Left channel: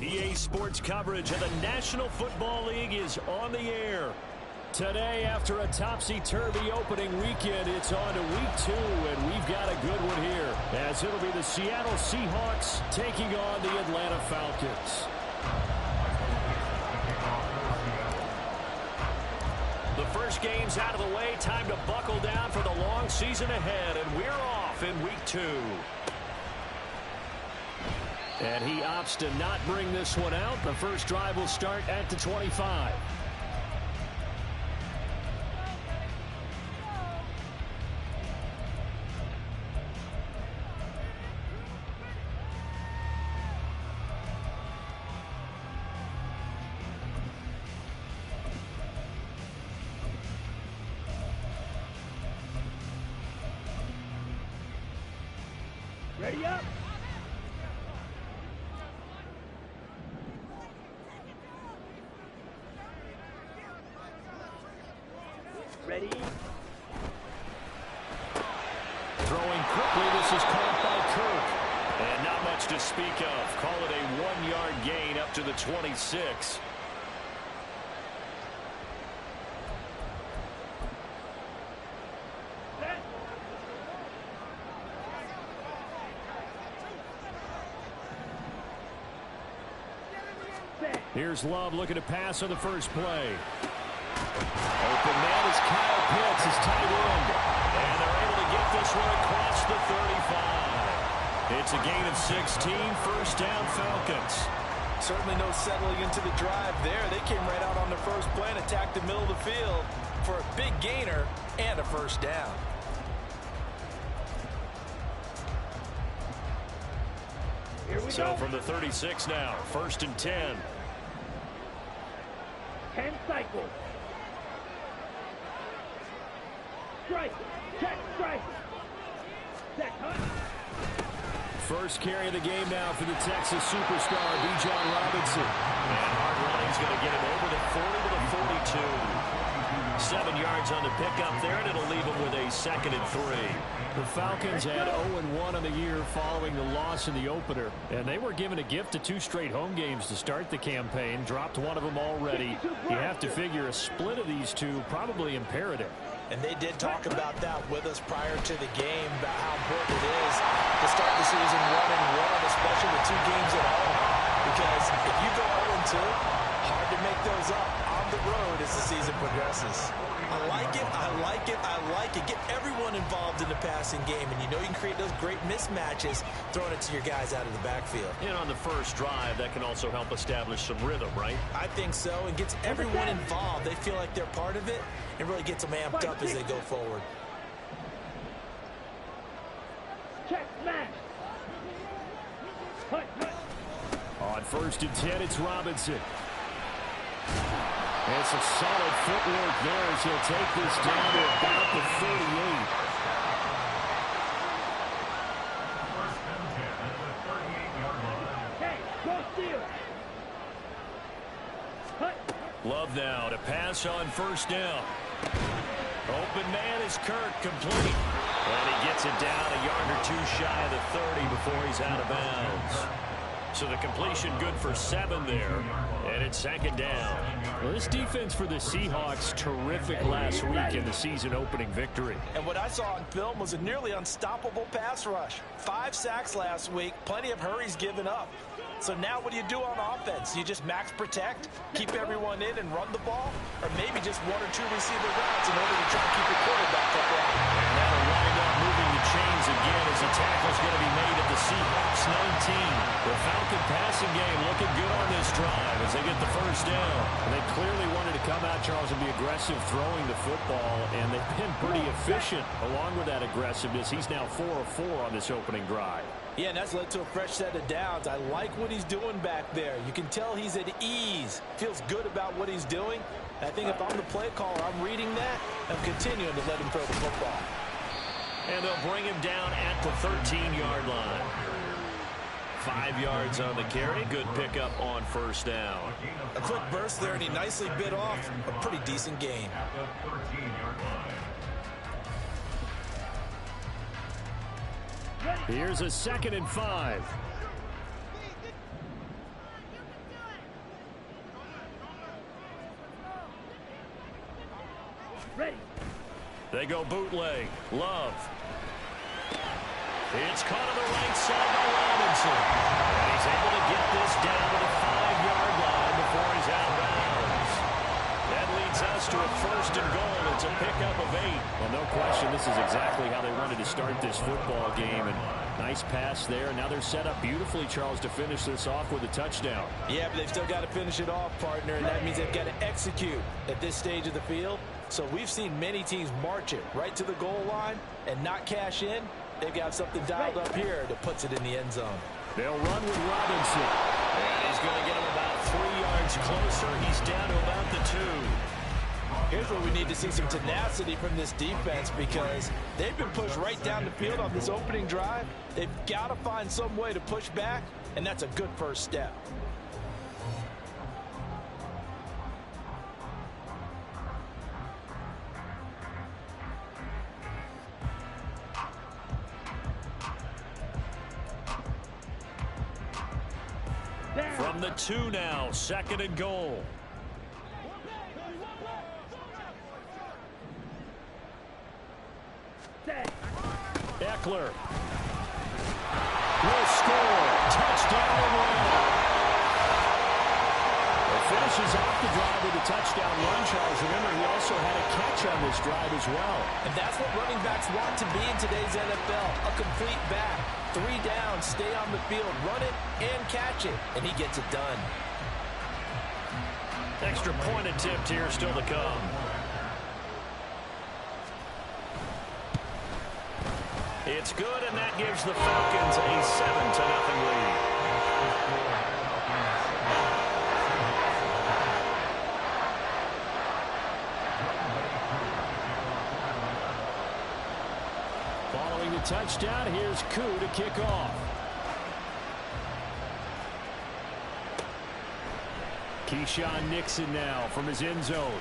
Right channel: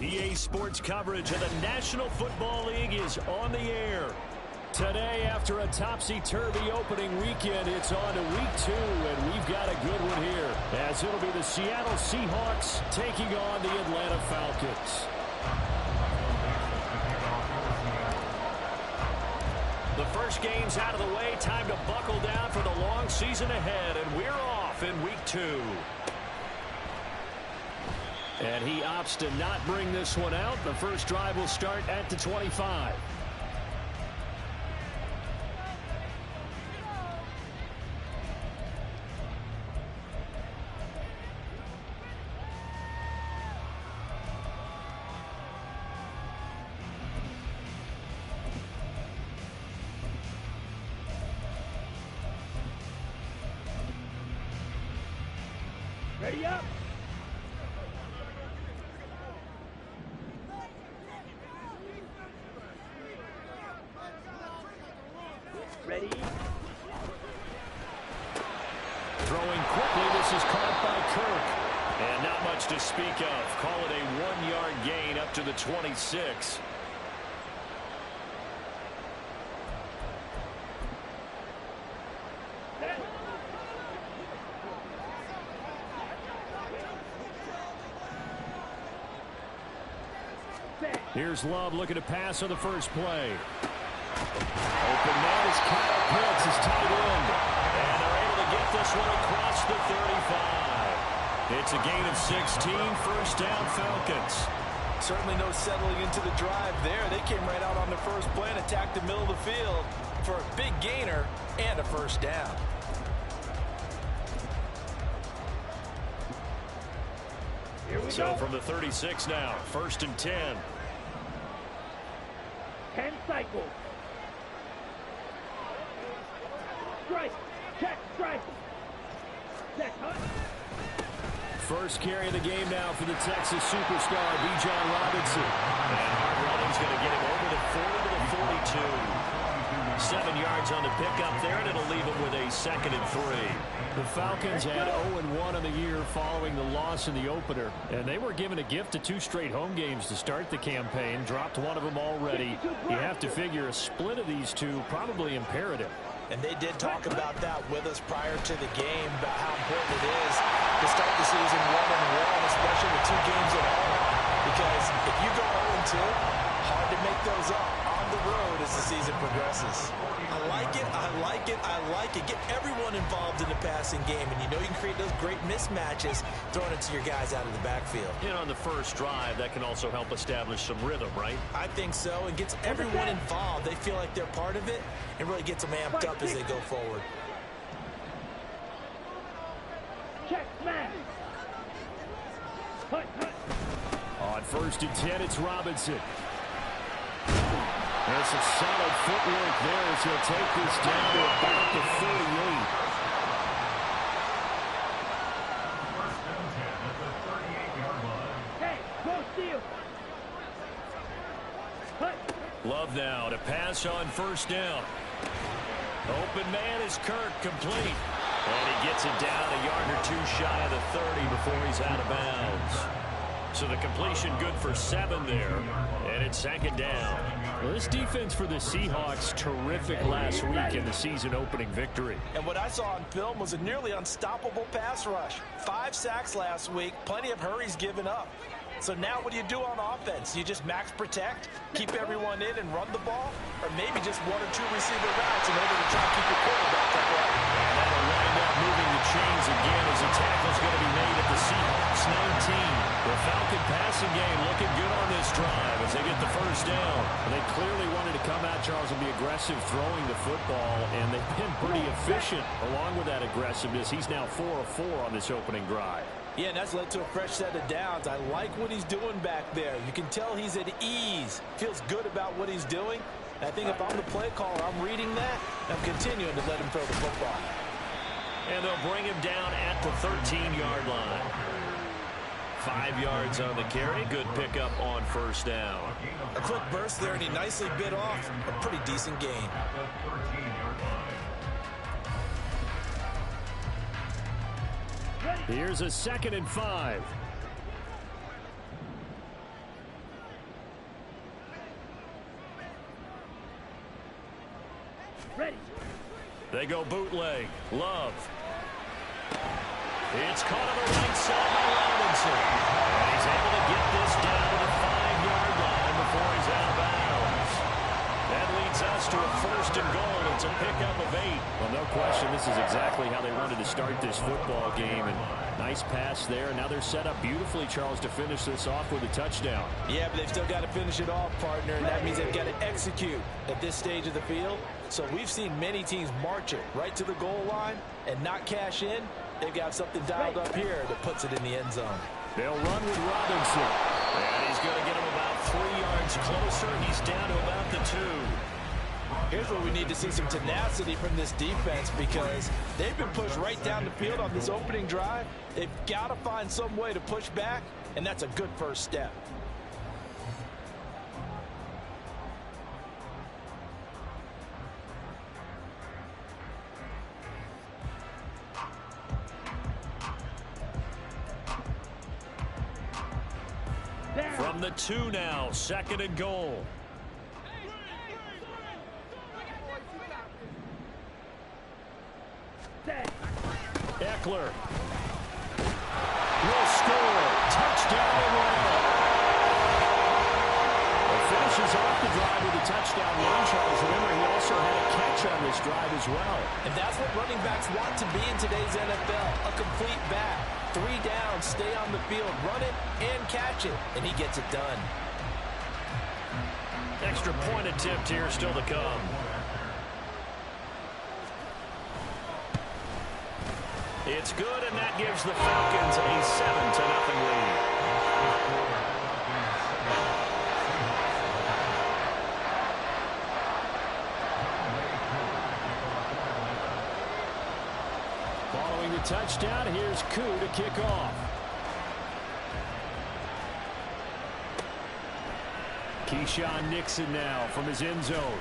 EA Sports coverage of the National Football League is on the air. Today, after a topsy-turvy opening weekend, it's on to week 2, and we've got a good one here, as it'll be the Seattle Seahawks taking on the Atlanta Falcons. The first game's out of the way. Time to buckle down for the long season ahead, and we're off in week 2. And he opts to not bring this one out. The first drive will start at the 25. Ready up. Ready. Throwing quickly, this is caught by Kirk. And not much to speak of. Call it a 1-yard gain up to the 26. Here's Love looking to pass on the first play. Open man is Kyle Pitts, his tight end. And they're able to get this one across the 35. It's a gain of 16, first down Falcons. Certainly no settling into the drive there. They came right out on the first play and attacked the middle of the field for a big gainer and a first down. Here we So go. from the 36 now, first and 10. 10 cycles. Strike. Check. Strike. Set. Hunt. First carry of the game now for the Texas superstar, Bijan Robinson. And hard running's going to get him over the 40 to the 42. 7 yards on the pickup there, and it'll leave him with a second and 3. The Falcons had 0-1 on the year following the loss in the opener, and they were given a gift of 2 straight home games to start the campaign. Dropped one of them already. You have to figure a split of these two probably imperative. And they did talk about that with us prior to the game, about how important it is to start the season 1-1, especially with 2 games at home. Because if you go 0-2, hard to make those up on the road as the season progresses. I like it, I like it, I like it. Get everyone involved in the passing game, and you know you can create those great mismatches throwing it to your guys out of the backfield. And on the first drive, that can also help establish some rhythm, right? I think so, and gets everyone involved. They feel like they're part of it, and really gets them amped up as they go forward. Check. Smash. Hunt. On first and 10, it's Robinson. And some solid footwork there as he'll take this down to about the 38. First and 10 at the 38-yard line. Hey, go steal. Hunt. Love now to pass on first down. Open man is Kirk, complete. And he gets it down a yard or 2 shy of the 30 before he's out of bounds. So the completion good for 7 there, and it's second down. Well, this defense for the Seahawks, terrific last week in the season-opening victory. And what I saw on film was a nearly unstoppable pass rush. 5 sacks last week, plenty of hurries given up. So now what do you do on offense? You just max protect, keep everyone in and run the ball, or maybe just 1 or 2 receiver routes in order to try and keep your quarterback upright. And that'll wind up moving the chains again as the tackle's going to be made at the Seahawks 19. The Falcon passing game looking good on this drive as they get the first down. And they clearly wanted to come out, Charles, and be aggressive throwing the football, and they've been pretty efficient along with that aggressiveness. He's now 4 of 4 on this opening drive. Yeah, and that's led to a fresh set of downs. I like what he's doing back there. You can tell he's at ease. Feels good about what he's doing. I think if I'm the play caller, I'm reading that. I'm continuing to let him throw the football. And they'll bring him down at the 13-yard line. 5 yards on the carry. Good pickup on first down. A quick burst there, and he nicely bit off a pretty decent gain. Here's a 2nd and 5. Ready. They go bootleg. Love. It's caught on the right side by Robinson. And he's able to get this down to the 5-yard line before he's out of bounds. That leads us to a 1st and goal. It's a pickup of 8. Well, no question, this is exactly how they wanted to start this football game. And nice pass there. Now they're set up beautifully, Charles, to finish this off with a touchdown. Yeah, but they've still got to finish it off, partner, and that means they've got to execute at this stage of the field. So we've seen many teams march it right to the goal line and not cash in. They've got something dialed up here that puts it in the end zone. They'll run with Robinson. And he's going to get him about 3 yards closer. He's down to about the 2. Here's where we need to see some tenacity from this defense because they've been pushed right down the field on this opening drive. They've got to find some way to push back, and that's a good first step. From the 2 now, 2nd and goal. Eckler will score. Touchdown and run. Finishes off the drive with a touchdown run, Charles. Remember, he also had a catch on this drive as well. And that's what running backs want to be in today's NFL, a complete back. 3 downs, stay on the field, run it and catch it, and he gets it done. Extra point attempt here still to come. It's good, and that gives the Falcons a 7-0 lead. Following the touchdown, here's Koo to kick off. Keyshawn Nixon now from his end zone.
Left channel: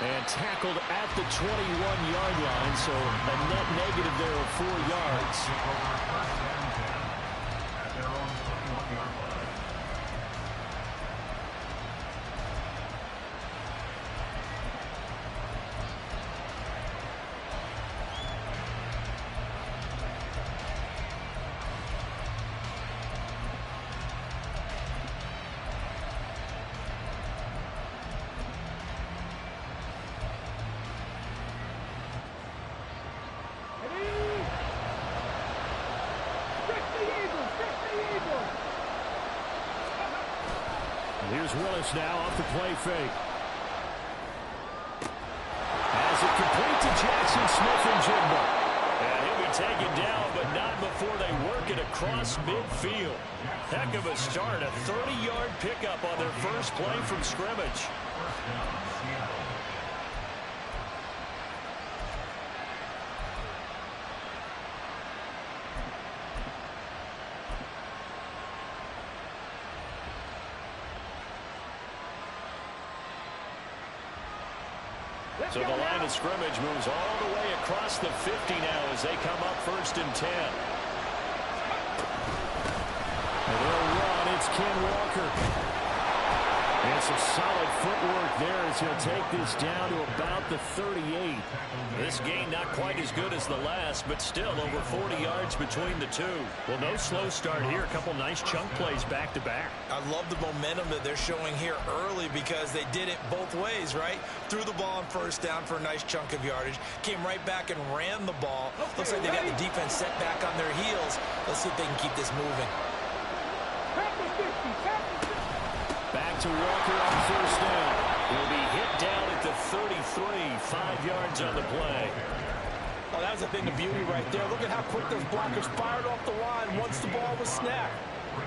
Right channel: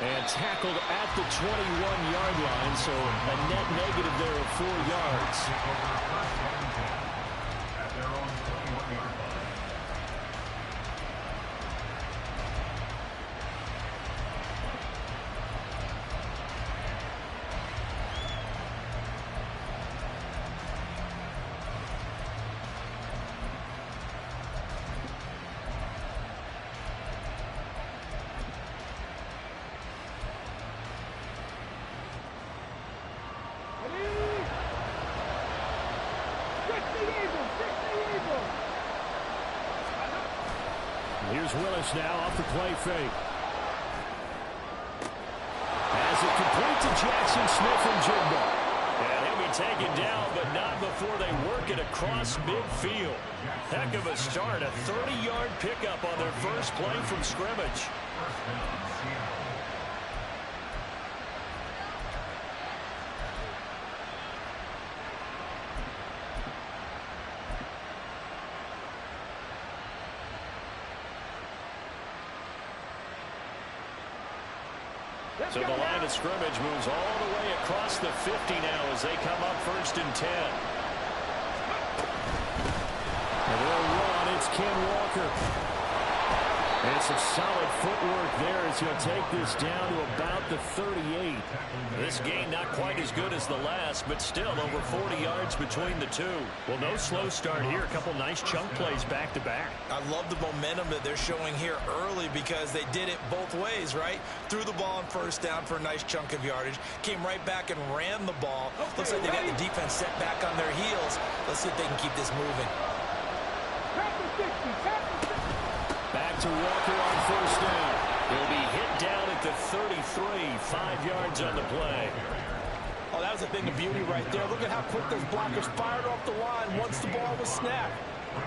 And tackled at the 21-yard line, so a net negative there of 4 yards. At their own 21-yard line. Here's Willis now off the play fake. Has it complete to Jackson Smith and Jigba. And he'll be taken down, but not before they work it across midfield. Heck of a start. A 30-yard pickup on their first play from scrimmage. First down, Seattle. So the line of scrimmage moves all the way across the 50 now as they come up 1st and 10. And they'll run. It's Ken Walker. And some solid footwork there as he'll take this down to about the 38. This gain not quite as good as the last, but still over 40 yards between the two. Well, no slow start here. A couple nice chunk plays back to back. I love the momentum that they're showing here early because they did it both ways, right? Threw the ball on 1st down for a nice chunk of yardage, came right back and ran the ball. Looks like they got the defense set back on their heels. Let's see if they can keep this moving. Back to Walker on 1st down. He'll be hit down at the 33, 5 yards on the play. Oh, that was a thing of beauty right there. Look at how quick those blockers fired off the line once the ball was snapped.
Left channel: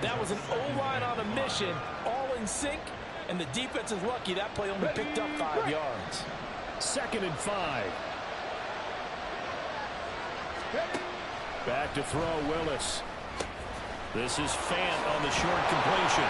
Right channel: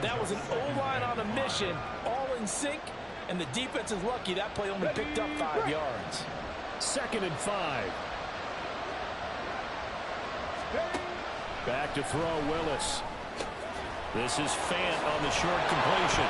That was an O-line on a mission, all in sync, and the defense is lucky that play only picked up 5 yards. 2nd and 5. Back to throw Willis. This is Fant on the short completion.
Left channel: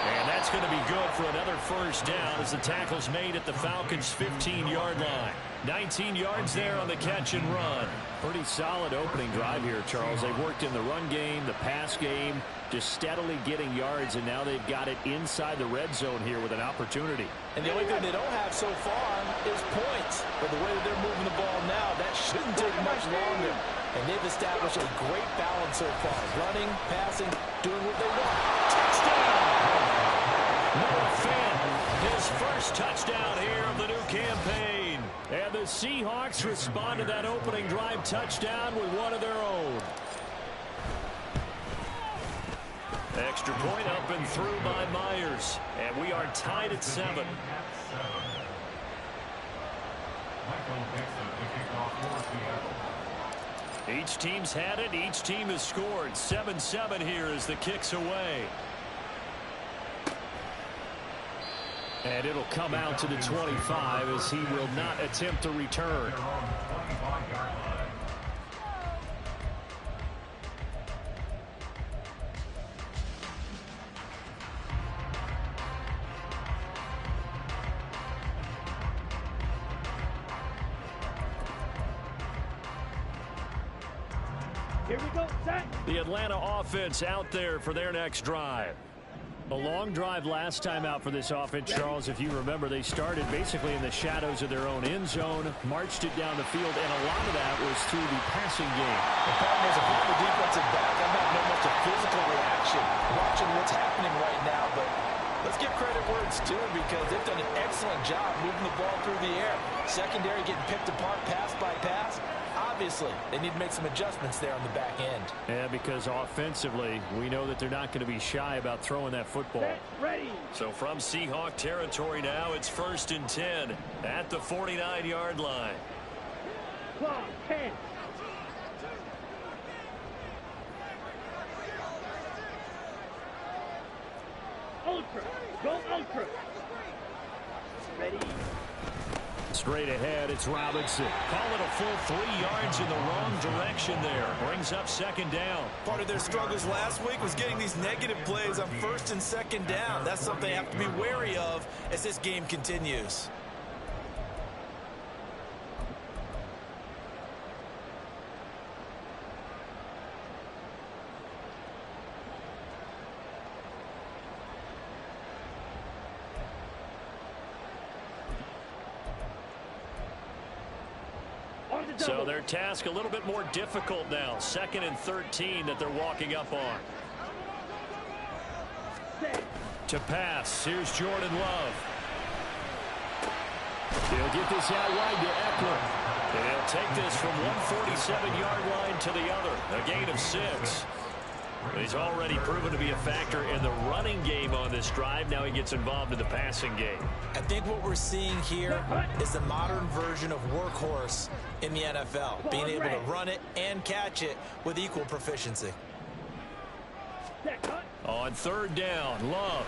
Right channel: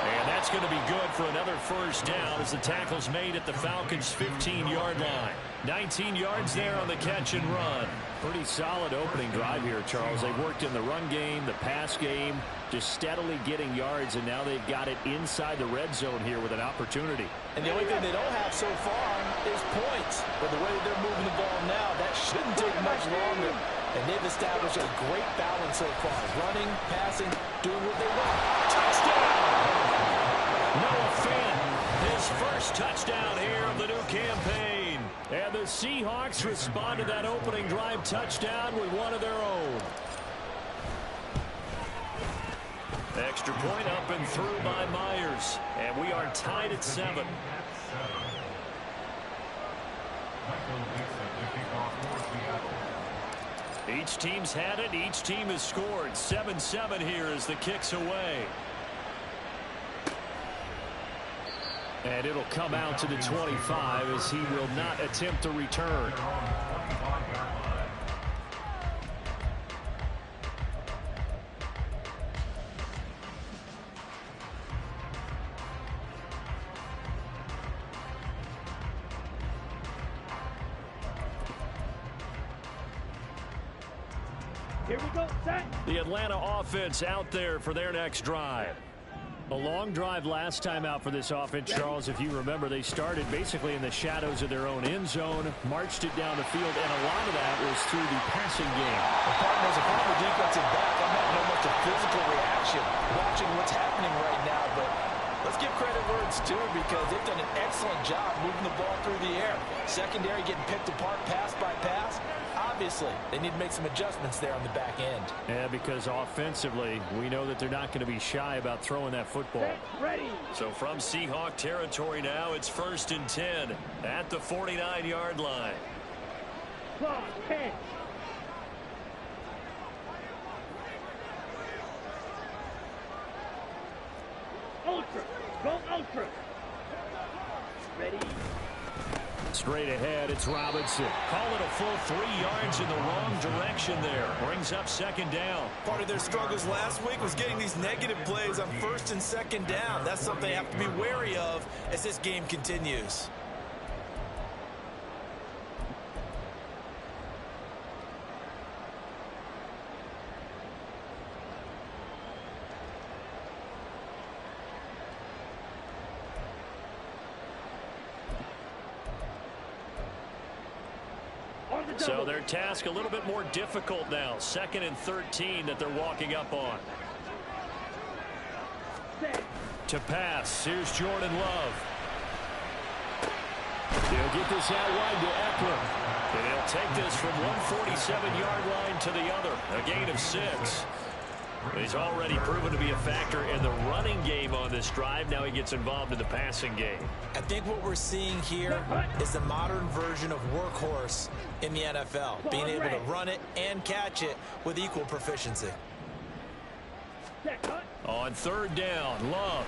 And that's going to be good for another 1st down as the tackle's made at the Falcons' 15-yard line. 19 yards there on the catch and run. Pretty solid opening drive here, Charles. They've worked in the run game, the pass game, just steadily getting yards, and now they've got it inside the red zone here with an opportunity. And the only thing they don't have so far is points. But the way that they're moving the ball now, that shouldn't take much longer. And they've established a great balance so far. Running, passing, doing what they want. Touchdown! Noah Fant, his first touchdown here of the new campaign. And the Seahawks respond to that opening drive touchdown with one of their own. Extra point up and through by Myers. And we are tied at 7. Each team's had it. Each team has scored. 7-7 here as the kick's away. And it'll come out to the 25 as he will not attempt to return. Here we go, set. The Atlanta offense out there for their next drive. A long drive last time out for this offense, Charles. If you remember, they started basically in the shadows of their own end zone, marched it down the field, and a lot of that was through the passing game. The partners, a former defensive back, I'm having almost a physical reaction watching what's happening right now, but let's give credit where it's due because they've done an excellent job moving the ball through the air. Secondary getting picked apart pass by pass. Obviously, they need to make some adjustments there on the back end. Yeah, because offensively, we know that they're not going to be shy about throwing that football. Set, ready. So from Seahawk territory now, it's 1st and 10 at the 49-yard line. Clock, 10. Ultra. Go ultra. Ready. Straight ahead, it's Robinson. Call it a full 3 yards in the wrong direction there. Brings up 2nd down. Part of their struggles last week was getting these negative plays on 1st and 2nd down. That's something they have to be wary of as this game continues. So their task a little bit more difficult now. 2nd and 13 that they're walking up on. Set. To pass, here's Jordan Love. He'll get this out wide to Eckler. And he'll take this from 147-yard line to the other. A gain of 6. He's already proven to be a factor in the running game on this drive. Now he gets involved in the passing game. I think what we're seeing here is the modern version of workhorse in the NFL. Being able to run it and catch it with equal proficiency. Set, cut. On 3rd down, Love.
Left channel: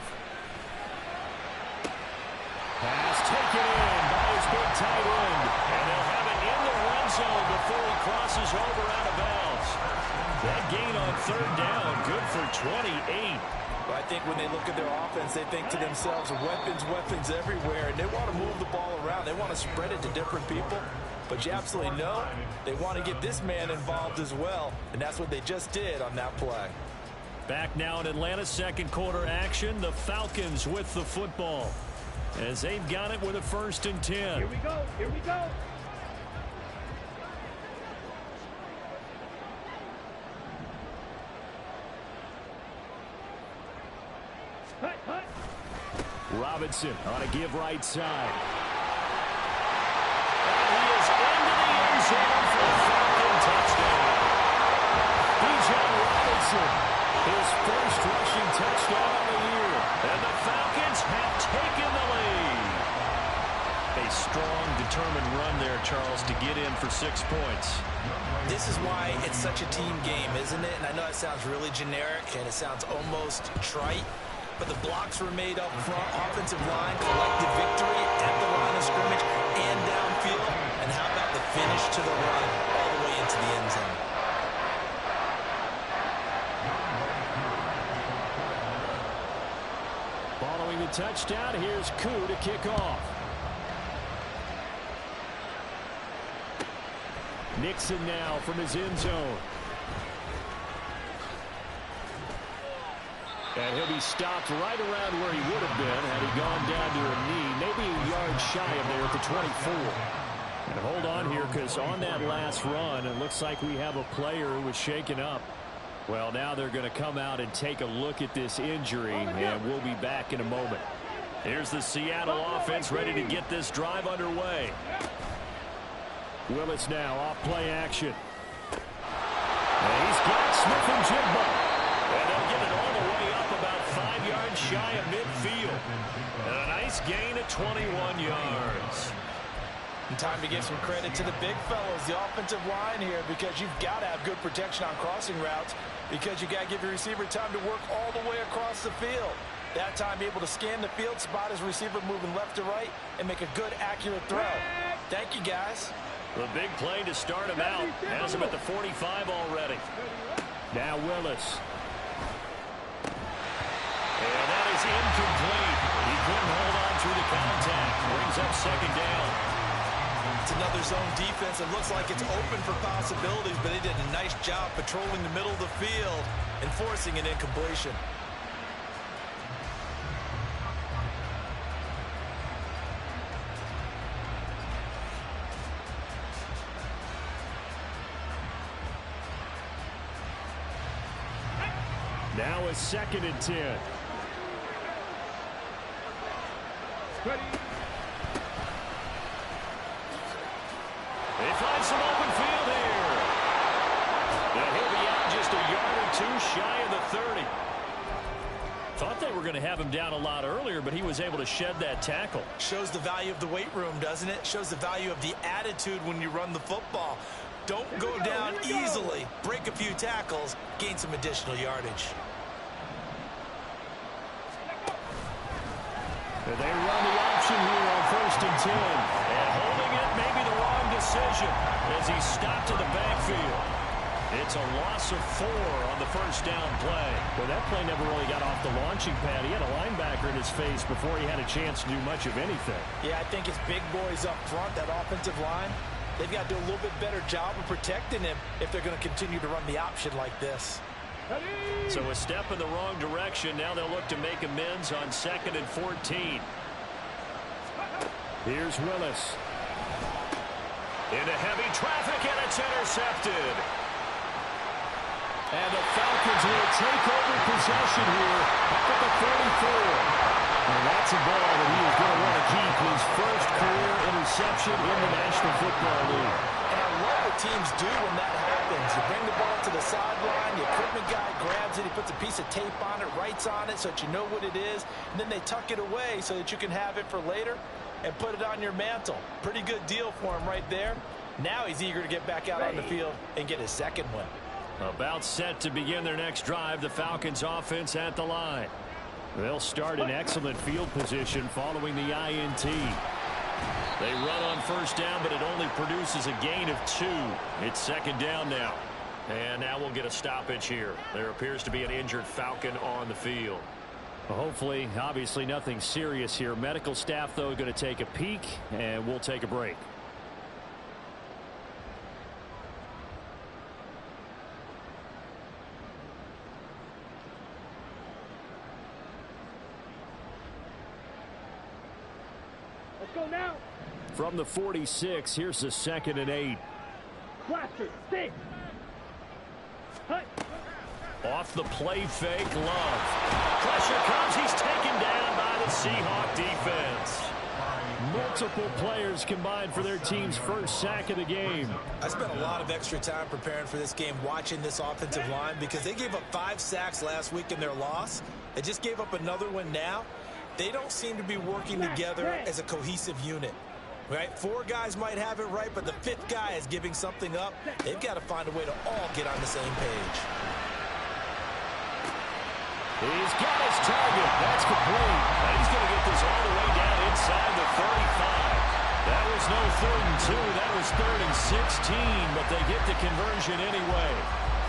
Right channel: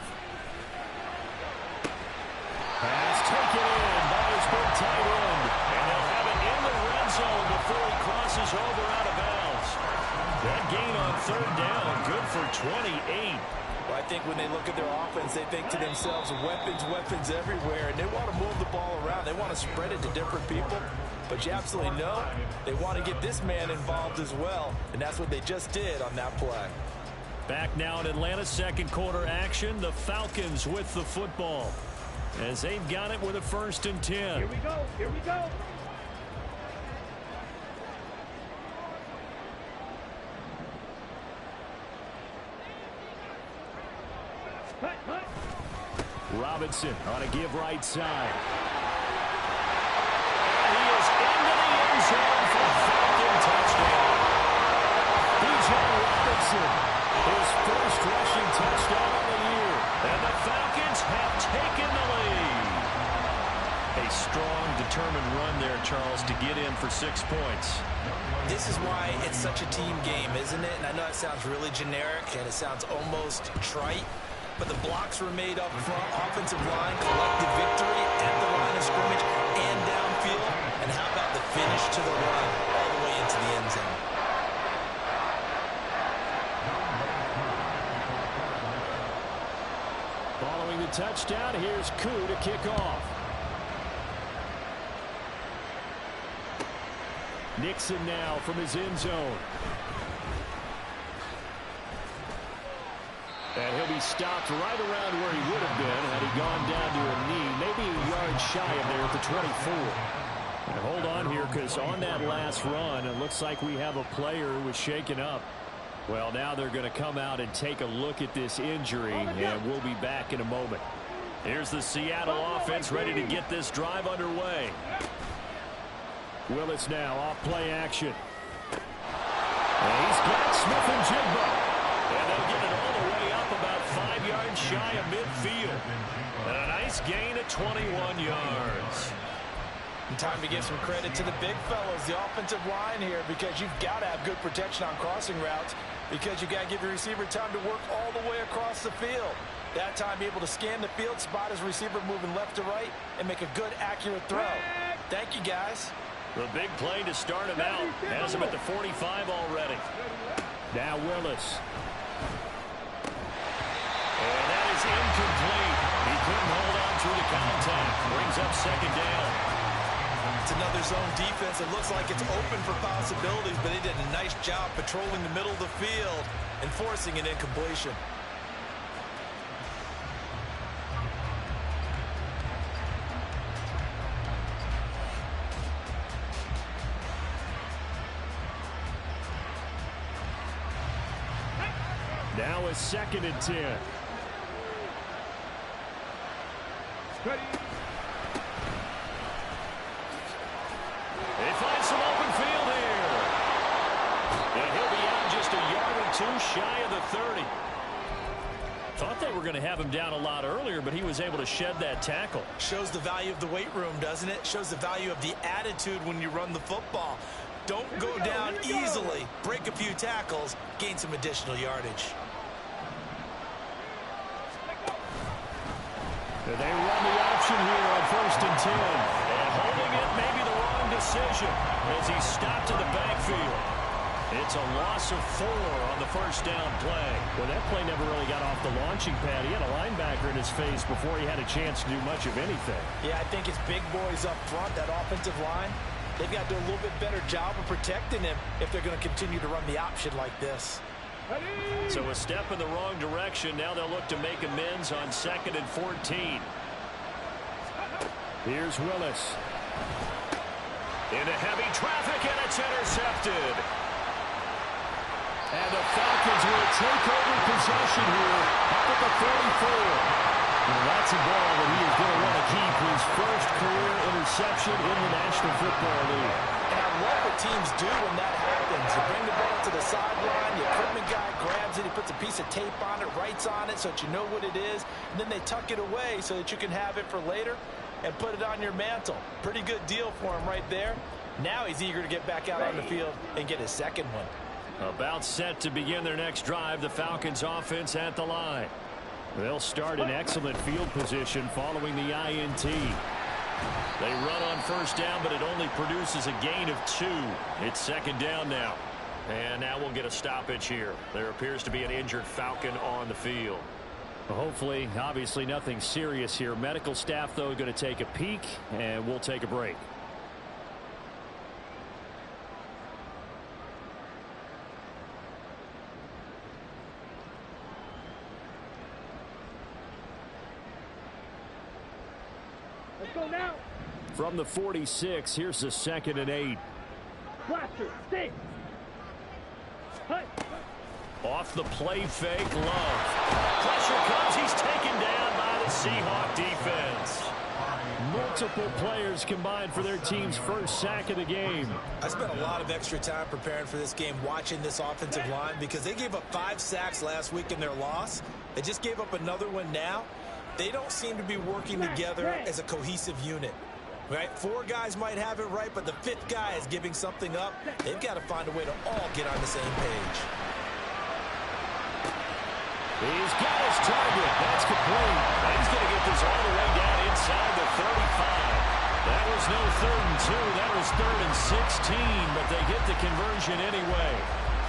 Pass taken in by his big tight end. And they'll have it in the red zone before he crosses over out of bounds. That gain on 3rd down, good for 28. Well, I think when they look at their offense, they think to themselves, weapons, weapons everywhere. And they want to move the ball around. They want to spread it to different people. But you absolutely know they want to get this man involved as well. And that's what they just did on that play. Back now in Atlanta, 2nd quarter action. The Falcons with the football as they've got it with a 1st and 10. Here we go. Here we go. Hut, hut. Robinson on a give right side. And he is into the end zone for a Falcon touchdown. Bijan Robinson, his first rushing touchdown of the year. And the Falcons have taken the lead. A strong, determined run there, Charles, to get in for 6 points. This is why it's such a team game, isn't it? And I know it sounds really generic and it sounds almost trite, but the blocks were made up front, offensive line, collective victory at the line of scrimmage and downfield. And how about the finish to the run all the way into the end zone? Following the touchdown, here's Koo to kick off. Nixon now from his end zone. And he'll be stopped right around where he would have been had he gone down to a knee, maybe a yard shy of there at the 24. And hold on here, because on that last run, it looks like we have a player who was shaken up. Well, now they're going to come out and take a look at this injury, and we'll be back in a moment. Here's the Seattle offense ready to get this drive underway. Willis now off play action. And he's got Smith-Njigba. And they'll get it all the way up about 5 yards shy of midfield. And a nice gain of 21 yards. And time to give some credit to the big fellas, the offensive line here, because you've got to have good protection on crossing routes, because you've got to give your receiver time to work all the way across the field. That time be able to scan the field, spot his receiver moving left to right, and make a good, accurate throw. Thank you, guys. The big play to start him out. Has him at the 45 already. Now Willis. And that is incomplete. He couldn't hold on through the contact. Brings up second down. It's another zone defense. It looks like it's open for possibilities, but they did a nice job patrolling the middle of the field and forcing an incompletion. Now a 2nd and 10. Ready. They find some open field here. And he'll be out just a yard or two shy of the 30. Thought they were going to have him down a lot earlier, but he was able to shed that tackle. Shows the value of the weight room, doesn't it? Shows the value of the attitude when you run the football. Don't go down easily. Break a few tackles. Gain some additional yardage. They run the option here on 1st and 10. And holding it may be the wrong decision as he stopped in the backfield. It's a loss of 4 on the first down play. Well, that play never really got off the launching pad. He had a linebacker in his face before he had a chance to do much of anything. Yeah, I think it's big boys up front, that offensive line. They've got to do a little bit better job of protecting him if they're going to continue to run the option like this. So a step in the wrong direction. Now they'll look to make amends on 2nd and 14. Here's Willis. Into heavy traffic, and it's intercepted. And the Falcons will take over possession here up at the 44. And that's a ball that he is going to want to keep, his first career interception in the National Football League. And I love what teams do when that happens. You bring the ball to the sideline, the equipment guy grabs it, he puts a piece of tape on it, writes on it so that you know what it is, and then they tuck it away so that you can have it for later and put it on your mantle. Pretty good deal for him right there. Now he's eager to get back out on the field and get his second one. About set to begin their next drive, the Falcons offense at the line. They'll start in excellent field position following the INT. They run on first down, but it only produces a gain of 2. It's 2nd down now. And now we'll get a stoppage here. There appears to be an injured Falcon on the field. Hopefully, obviously nothing serious here. Medical staff, though, going to take a peek, and we'll take a break. Let's go now. From the 46, here's the 2nd and 8. Blaster, stay. Hut. Off the play fake, Love. Pressure comes. He's taken down by the Seahawks defense. Multiple players combined for their team's first sack of the game. I spent a lot of extra time preparing for this game, watching this offensive line, because they gave up 5 sacks last week in their loss. They just gave up another one now. They don't seem to be working together as a cohesive unit. Right? 4 guys might have it right, but the 5th guy is giving something up. They've got to find a way to all get on the same page. He's got his target. That's complete. Now he's going to get this all the way down inside the 35. That was no 3rd and 2. That was 3rd and 16, but they get the conversion anyway.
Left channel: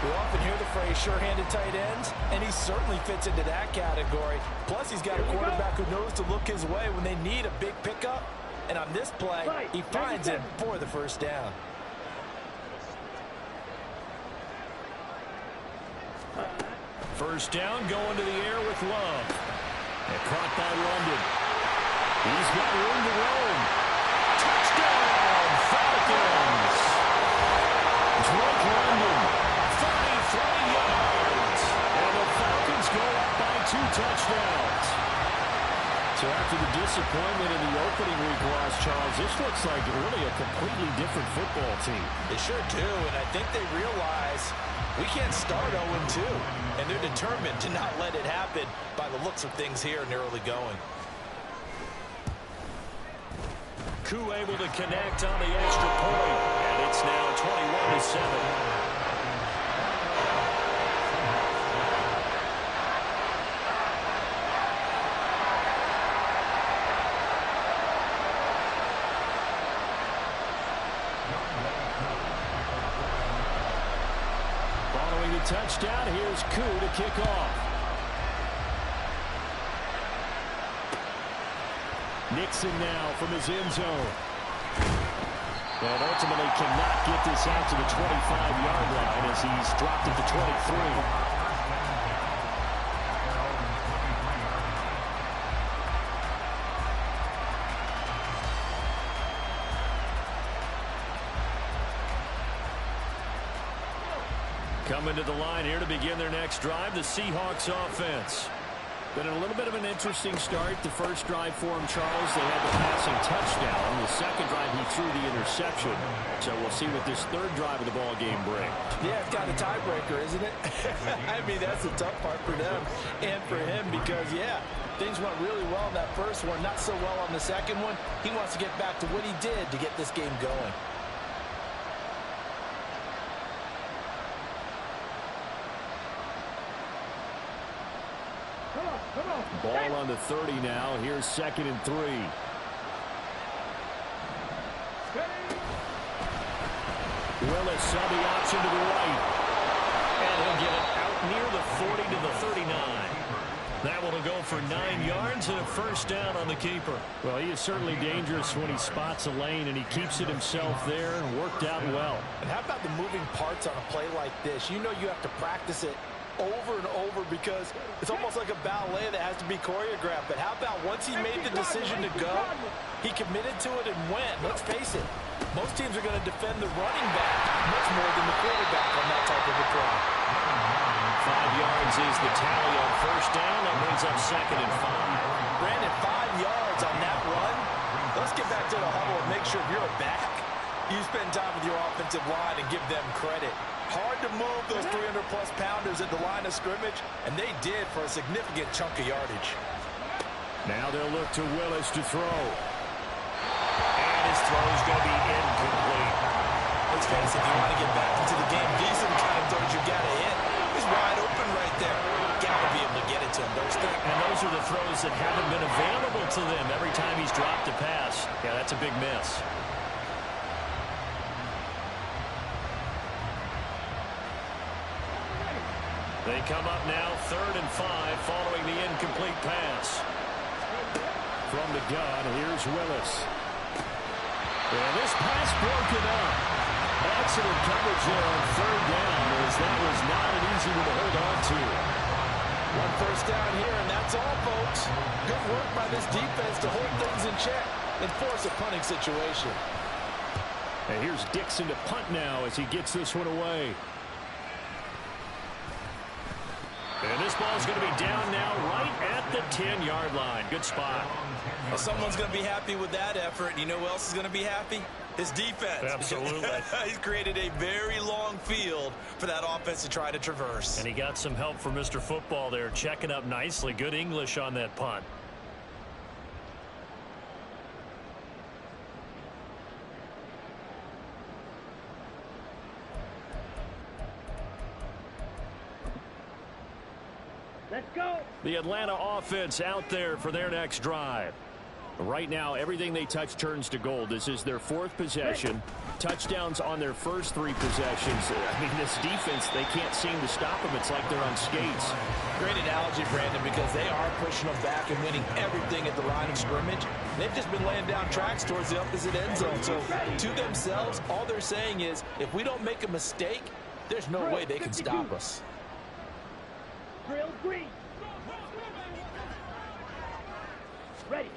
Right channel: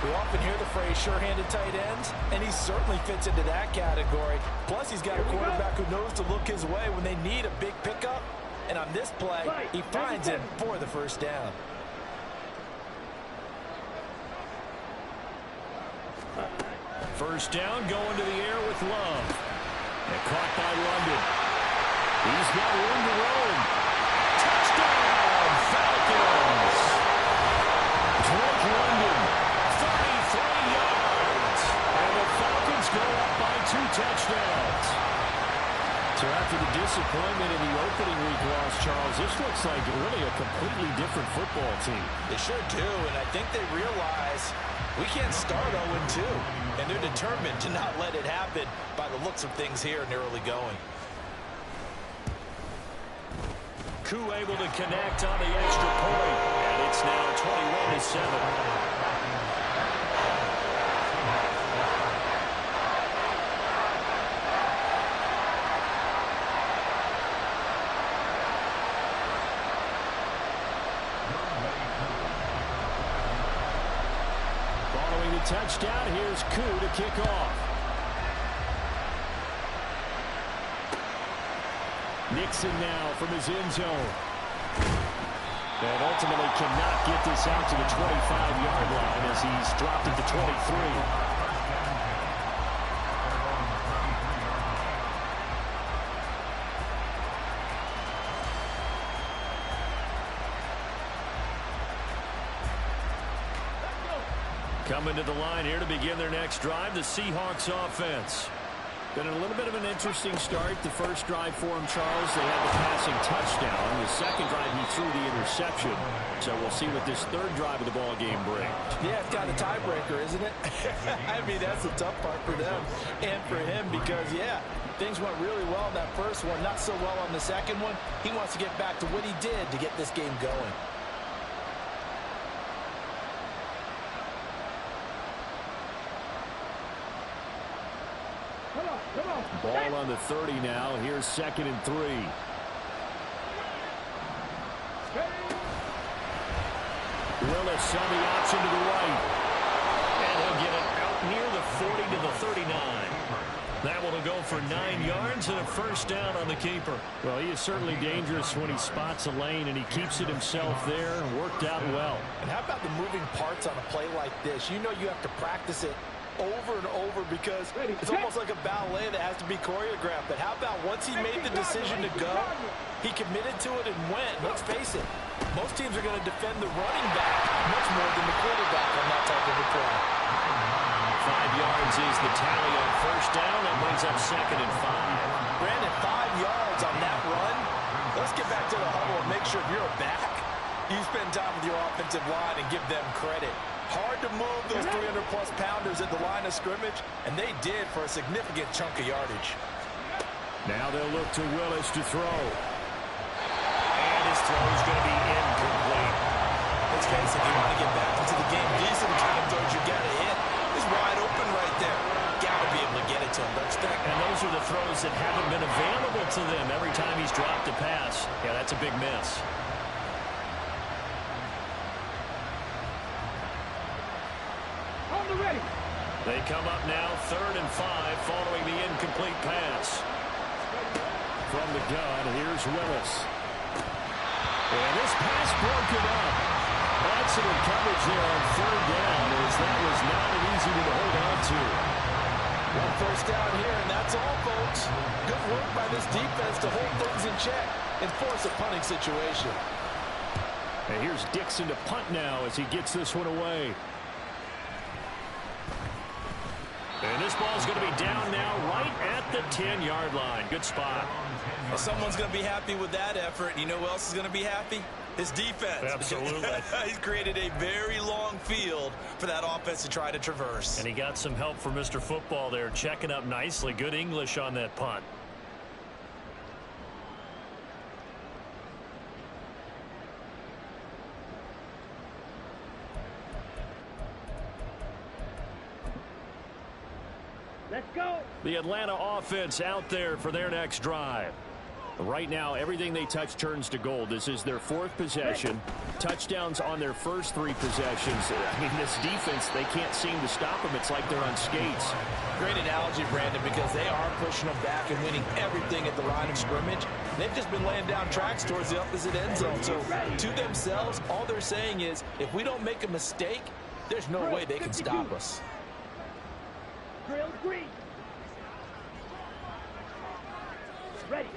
We often hear the phrase sure-handed tight ends, and he certainly fits into that category. Plus, he's got a quarterback who knows to look his way when they need a big pickup. And on this play, he finds it for the first down. First down, going to the air with Love. And caught by London. He's got room to roam. Touchdown, Falcons! Drake London, 33 yards. And the Falcons go up by 2 touchdowns. So after the disappointment in the opening week loss, Charles, this looks like really a completely different football team. They sure do, and I think they realize we can't start 0-2, and they're determined to not let it happen by the looks of things here in the early going. Koo able to connect on the extra point, and it's now 21-7. Following the touchdown, here's Koo to kick off. Nixon now from his end zone. And ultimately cannot get this out to the 25-yard line as he's dropped at the 23. Coming to the line here to begin their next drive, the Seahawks offense. Been a little bit of an interesting start. The first drive for him, Charles, they had the passing touchdown. The second drive, he threw the interception. So we'll see what this third drive of the ball game brings. Yeah, it's got a tiebreaker, isn't it? I mean, that's the tough part for them and for him because, yeah, things went really well in that first one, not so well on the second one. He wants to get back to what he did to get this game going. Come on. Ball on the 30 now. Here's 2nd and 3. Willis on the option to the right. And he'll get it out near the 40 to the 39. That one will go for 9 yards and a first down on the keeper. Well, he is certainly dangerous when he spots a lane, and he keeps it himself there and worked out well. And how about the moving parts on a play like this? You know you have to practice it over and over because it's almost like a ballet that has to be choreographed. But how about once he made the decision to go, he committed to it and went. Let's face it, most teams are going to defend the running back much more than the quarterback on that type of a play. 5 yards is the tally on first down. That brings up 2nd and 5. Brandon, 5 yards on that run. Let's get back to the huddle and make sure if you're back, you spend time with your offensive line and give them credit. Hard to move those 300-plus pounders at the line of scrimmage, and they did for a significant chunk of yardage. Now they'll look to Willis to throw. And his throw is going to be incomplete. Let's face it, if you want to get back into the game, these are the kind of throws you got to hit. He's wide open right there. Got to be able to get it to him, don't you think? And those are the throws that haven't been available to them every time he's dropped a pass. Yeah, that's a big miss. They come up now 3rd and 5 following the incomplete pass. From the gun, here's Willis. And this pass broken up. Excellent coverage there on 3rd down as that was not an easy one to hold on to. One first down here, and that's all, folks. Good work by this defense to hold things in check and force a punting situation. And here's Dixon to punt now as he gets this one away. And this ball's going to be down now right at the 10-yard line. Good spot. Well, someone's going to be happy with that effort. You know who else is going to be happy? His defense. Absolutely. He's created a very long field for that offense to try to traverse. And he got some help from Mr. Football there, checking up nicely. Good English on that punt. Let's go. The Atlanta offense out there for their next drive. Right now, everything they touch turns to gold. This is their 4th possession. Touchdowns on their first 3 possessions. I mean, this defense, they can't seem to stop them. It's like they're on skates. Great analogy, Brandon, because they are pushing them back and winning everything at the line of scrimmage. They've just been laying down tracks towards the opposite end zone. So to themselves, all they're saying is, if we don't make a mistake, there's no way they can stop us. Drill green. Ready.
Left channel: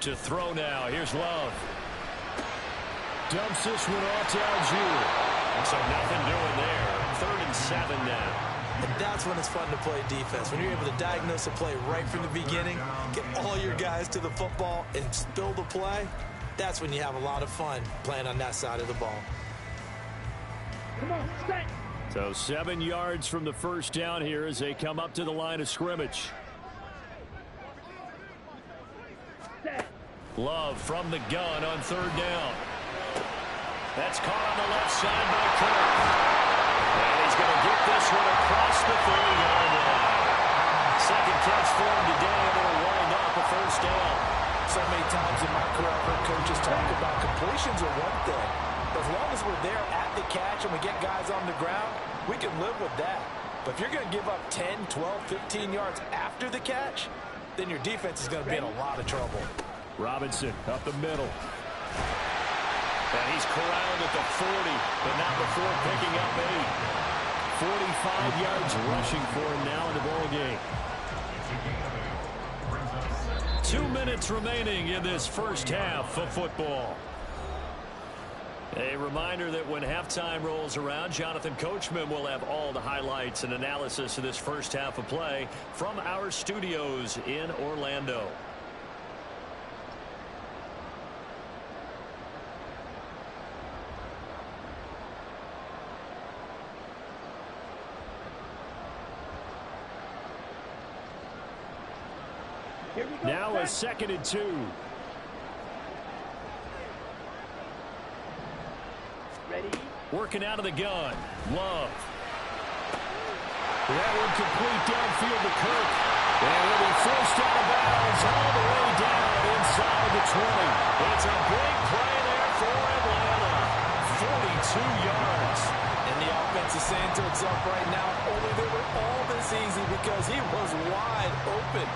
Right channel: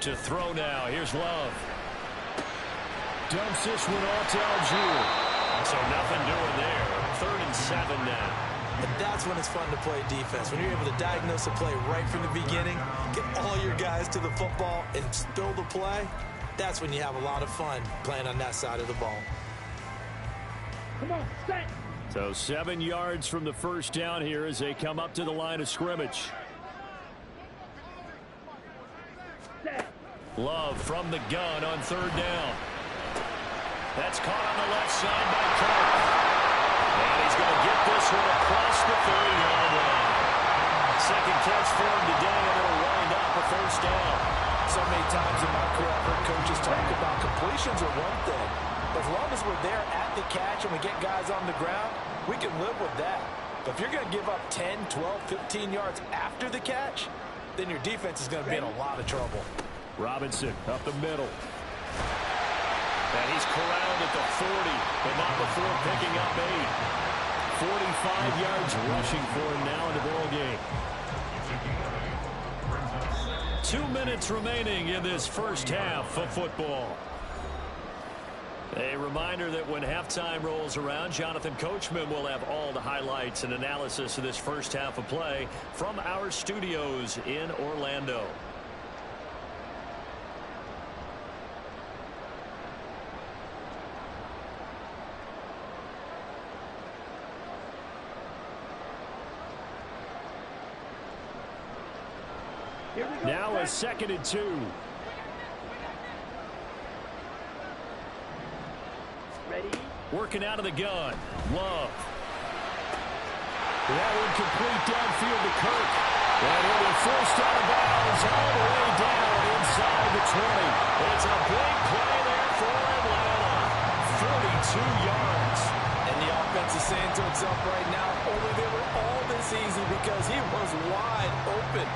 To throw now. Here's Love. Dumps this one off to Algier. So nothing doing there. 3rd and 7 now. And that's when it's fun to play defense. When you're able to diagnose a play right from the beginning, get all your guys to the football, and spill the play, that's when you have a lot of fun playing on that side of the ball. Come on, set. So 7 yards from the first down here as they come up to the line of scrimmage. Set. Love from the gun on 3rd down. That's caught on the left side by Kirk. And he's going to get this one across the 30-yard line. Second catch for him today, and it'll wind up a first down. So many times in my career, I've heard coaches talk about completions are one thing. But as long as we're there at the catch and we get guys on the ground, we can live with that. But if you're going to give up 10, 12, 15 yards after the catch, then your defense is going to be in a lot of trouble. Robinson up the middle. And he's corralled at the 40, but not before picking up 8. 45 yards rushing for him now in the ball game. 2 minutes remaining in this first half of football. A reminder that when halftime rolls around, Jonathan Coachman will have all the highlights and analysis of this first half of play from our studios in Orlando. Here we go. Now a 2nd and 2. Ready. Working out of the gun. Love. That one complete downfield to Kirk. And he'll be forced out of bounds all the way down inside the 20. It's a big play there for Atlanta. 42 yards. And the offense is saying to itself right now, only they were all this easy because he was wide open.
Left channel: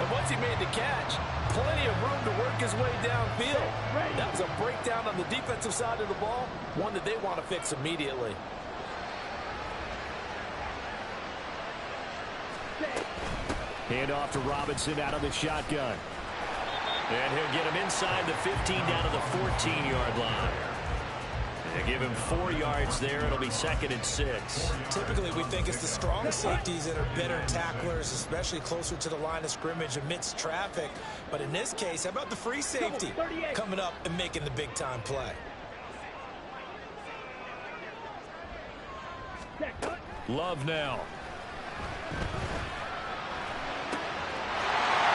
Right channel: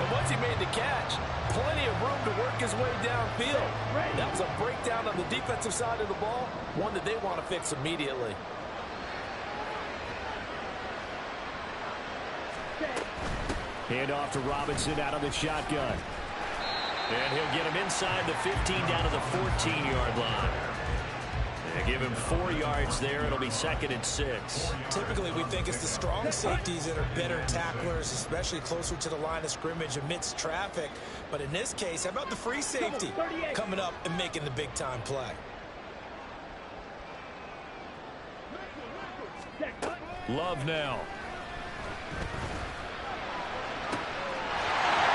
And once he made the catch, plenty of room to work his way downfield. That was a breakdown on the defensive side of the ball, one that they want to fix immediately. Hand off to Robinson out of the shotgun. And he'll get him inside the 15 down to the 14-yard line. And give him 4 yards there. It'll be 2nd and 6. Typically, we think it's the strong safeties that are better tacklers, especially closer to the line of scrimmage amidst traffic. But in this case, how about the free safety coming up and making the big-time play? Love now.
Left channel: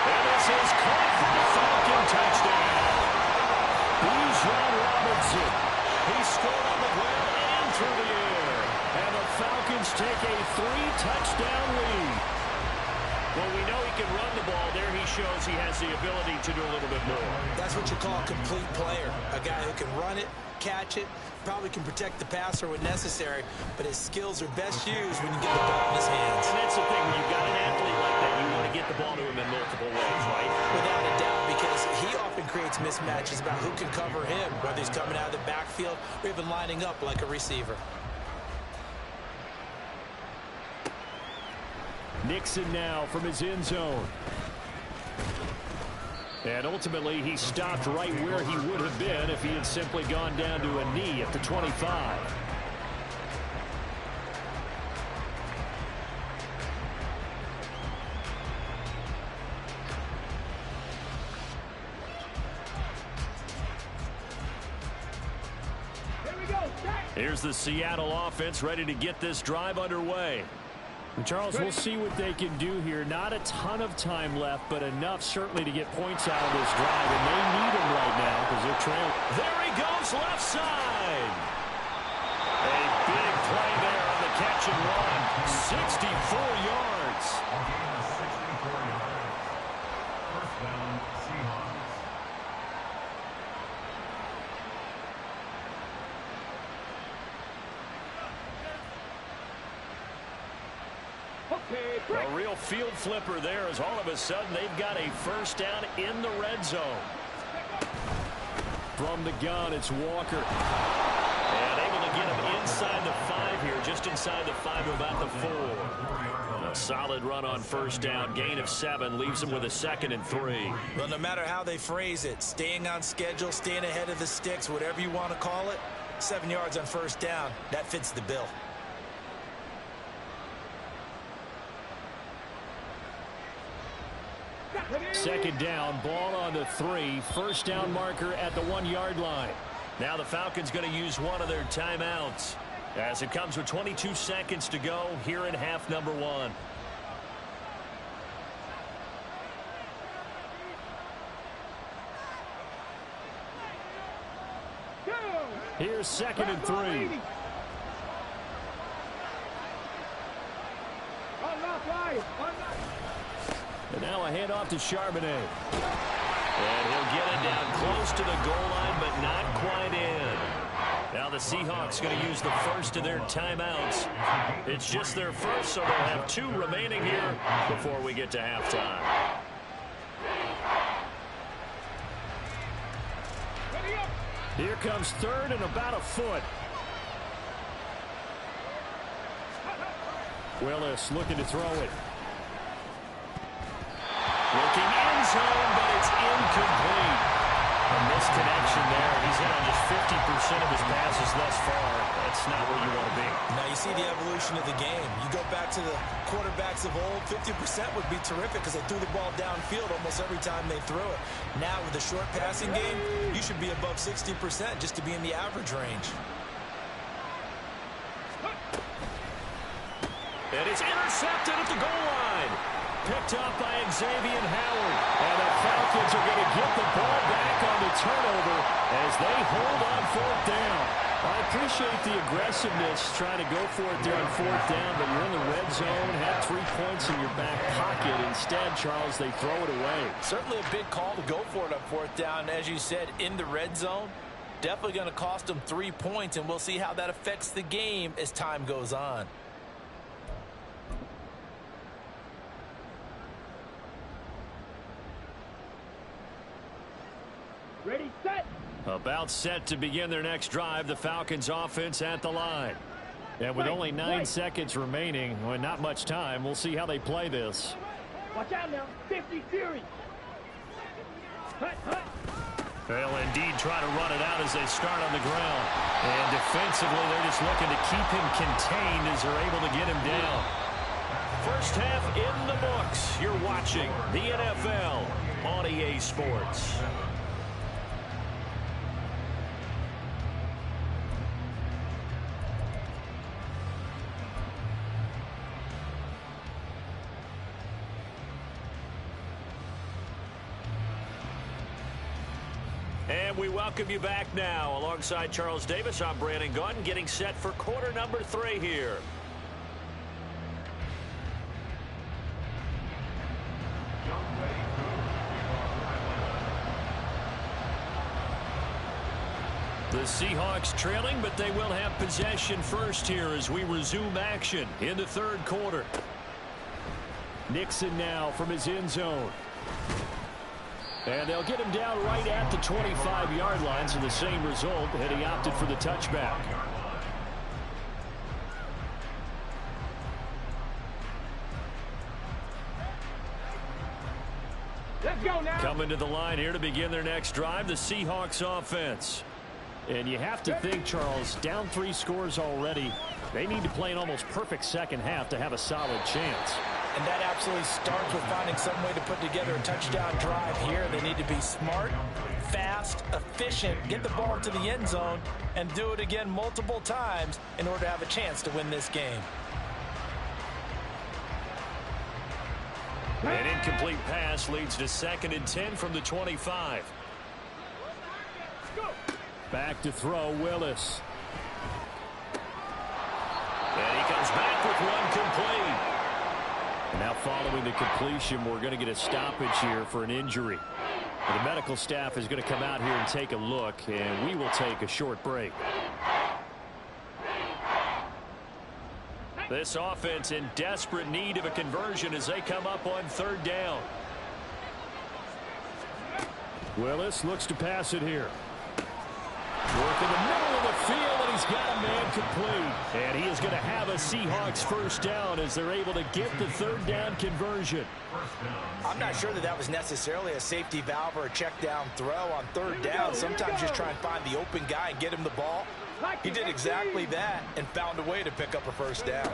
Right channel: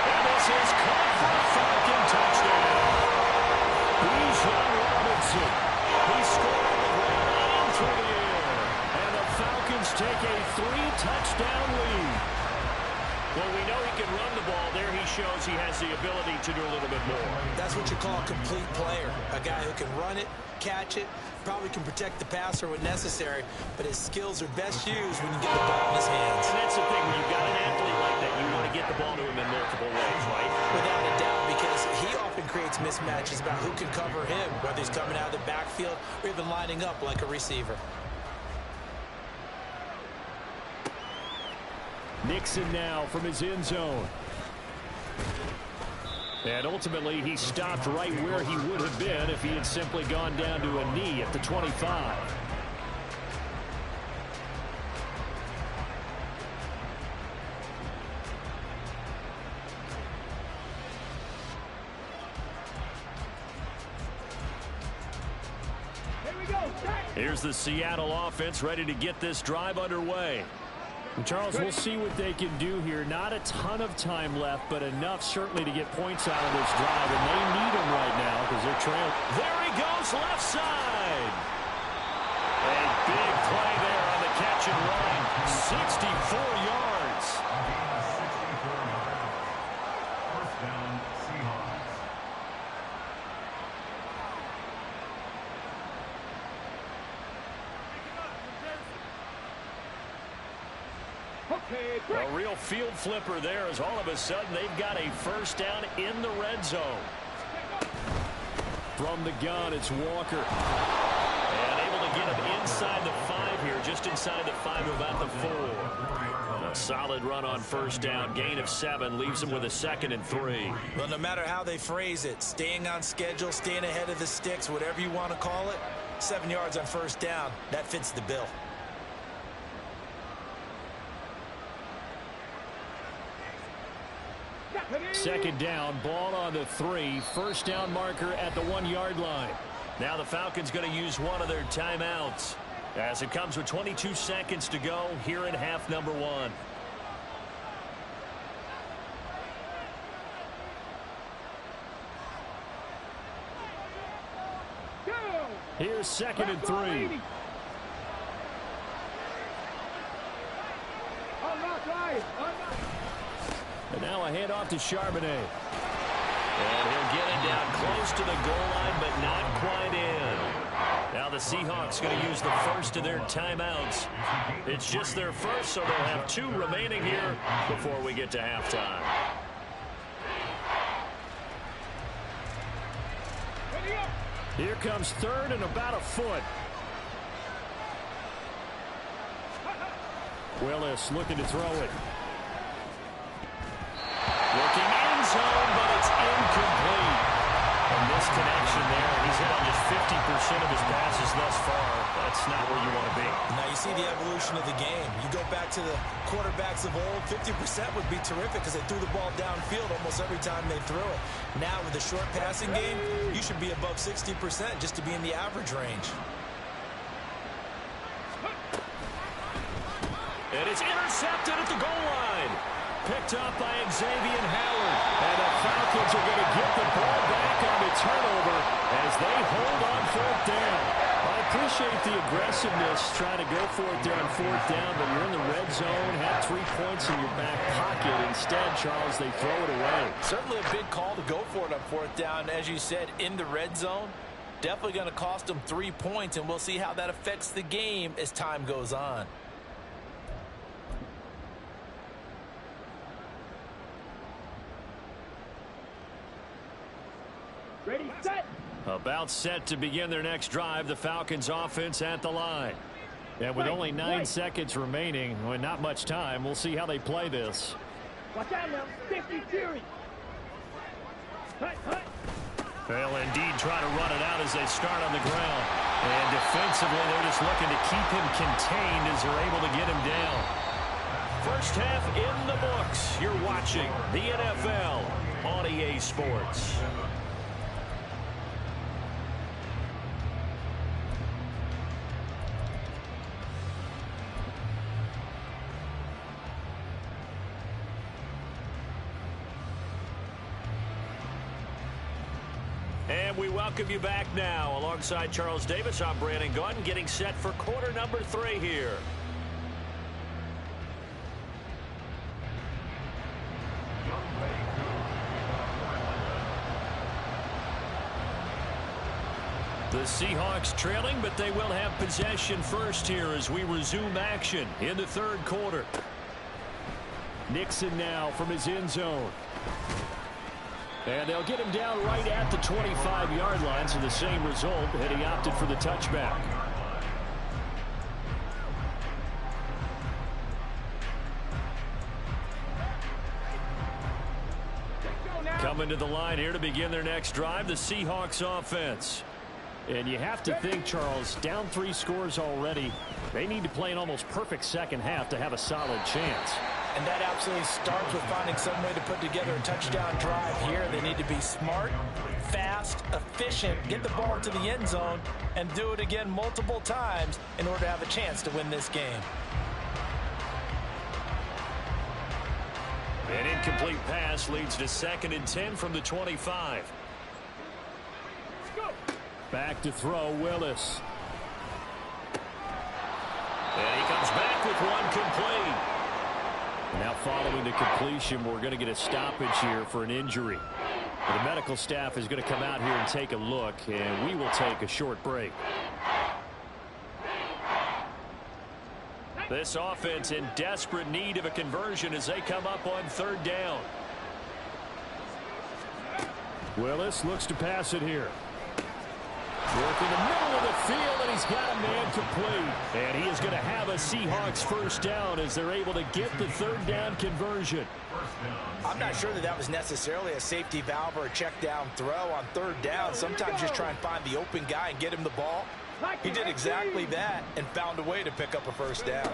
And this is caught for a Falcon touchdown. Bijan Robinson. He scored on the ground and through the air. And the Falcons take a 3-touchdown lead. Well, we know he can run the ball. There he shows he has the ability to do a little bit more. That's what you call a complete player. A guy who can run it, catch it, probably can protect the passer when necessary, but his skills are best used when you get the ball in his hands. And that's the thing. When you've got an athlete like that, you want to get the ball to him in multiple ways, right? Without a doubt, because he often creates mismatches about who can cover him, whether he's coming out of the backfield or even lining up like a receiver. Nixon now from his end zone. And ultimately, he stopped right where he would have been if he had simply gone down to a knee at the 25. Here's the Seattle offense ready to get this drive underway. And Charles, we'll see what they can do here. Not a ton of time left, but enough certainly to get points out of this drive, and they need them right now because they're trailing. There he goes, left side. A big play there on the catch and run. 64 yards. A gain of 64 yards. First down, Seahawks. A real field flipper there as all of a sudden they've got a first down in the red zone. From the gun, it's Walker. And able to get him inside the 5 here, just inside the 5 to about the 4. A solid run on first down. Gain of 7 leaves him with a 2nd and 3. Well, no matter how they phrase it, staying on schedule, staying ahead of the sticks, whatever you want to call it, 7 yards on first down, that fits the bill. Second down, ball on the 3. First down marker at the 1-yard line. Now the Falcons going to use one of their timeouts, as it comes with 22 seconds to go here in half number 1. Here's 2nd and 3. And now a handoff to Charbonnet. And he'll get it down close to the goal line, but not quite in. Now the Seahawks going to use the first of their timeouts. It's just their first, so they'll have 2 remaining here before we get to halftime. Here comes 3rd and about a foot. Willis looking to throw it. Looking end zone, but it's incomplete. A misconnection there. He's hit on just 50% of his passes thus far. That's not where you want to be. Now you see the evolution of the game. You go back to the quarterbacks of old, 50% would be terrific because they threw the ball downfield almost every time they threw it. Now with the short passing game, you should be above 60% just to be in the average range. And it's intercepted at the goal line. Picked up by Xavier Howard. And the Falcons are going to get the ball back on the turnover as they hold on 4th down. I appreciate the aggressiveness trying to go for it there on 4th down, but you're in the red zone, had 3 points in your back pocket. Instead, Charles, they throw it away. Certainly a big call to go for it on 4th down. As you said, in the red zone, definitely going to cost them 3 points, and we'll see how that affects the game as time goes on. Ready, set. About set to begin their next drive, the Falcons offense at the line. And with only 9 seconds remaining, well, not much time, we'll see how they play this. Watch out now, 50 Fury. Hut, hut. They'll indeed try to run it out as they start on the ground. And defensively, they're just looking to keep him contained as they're able to get him down. First half in the books. You're watching the NFL on EA Sports. And we welcome you back now. Alongside Charles Davis, I'm Brandon Gunn, getting set for quarter number 3 here. The Seahawks trailing, but they will have possession first here as we resume action in the 3rd quarter. Nixon now from his end zone. And they'll get him down right at the 25-yard line, so the same result, and he opted for the touchback. Let's go now. Coming to the line here to begin their next drive, the Seahawks offense. And you have to think, Charles, down 3 scores already. They need to play an almost perfect second half to have a solid chance. And that absolutely starts with finding some way to put together a touchdown drive here. They need to be smart, fast, efficient, get the ball into the end zone, and do it again multiple times in order to have a chance to win this game. An incomplete pass leads to 2nd and 10 from the 25. Back to throw, Willis. And he comes back with one complete. And now following the completion, we're going to get a stoppage here for an injury. The medical staff is going to come out here and take a look, and we will take a short break. This offense in desperate need of a conversion as they come up on 3rd down. Willis looks to pass it here. Work in the middle of the field, and he's got a man complete. And he is going to have a Seahawks first down as they're able to get the third down conversion. I'm not sure that was necessarily a safety valve or a check down throw on third down. Sometimes just try and find the open guy and get him the ball. He did exactly that and found a way to pick up a first down.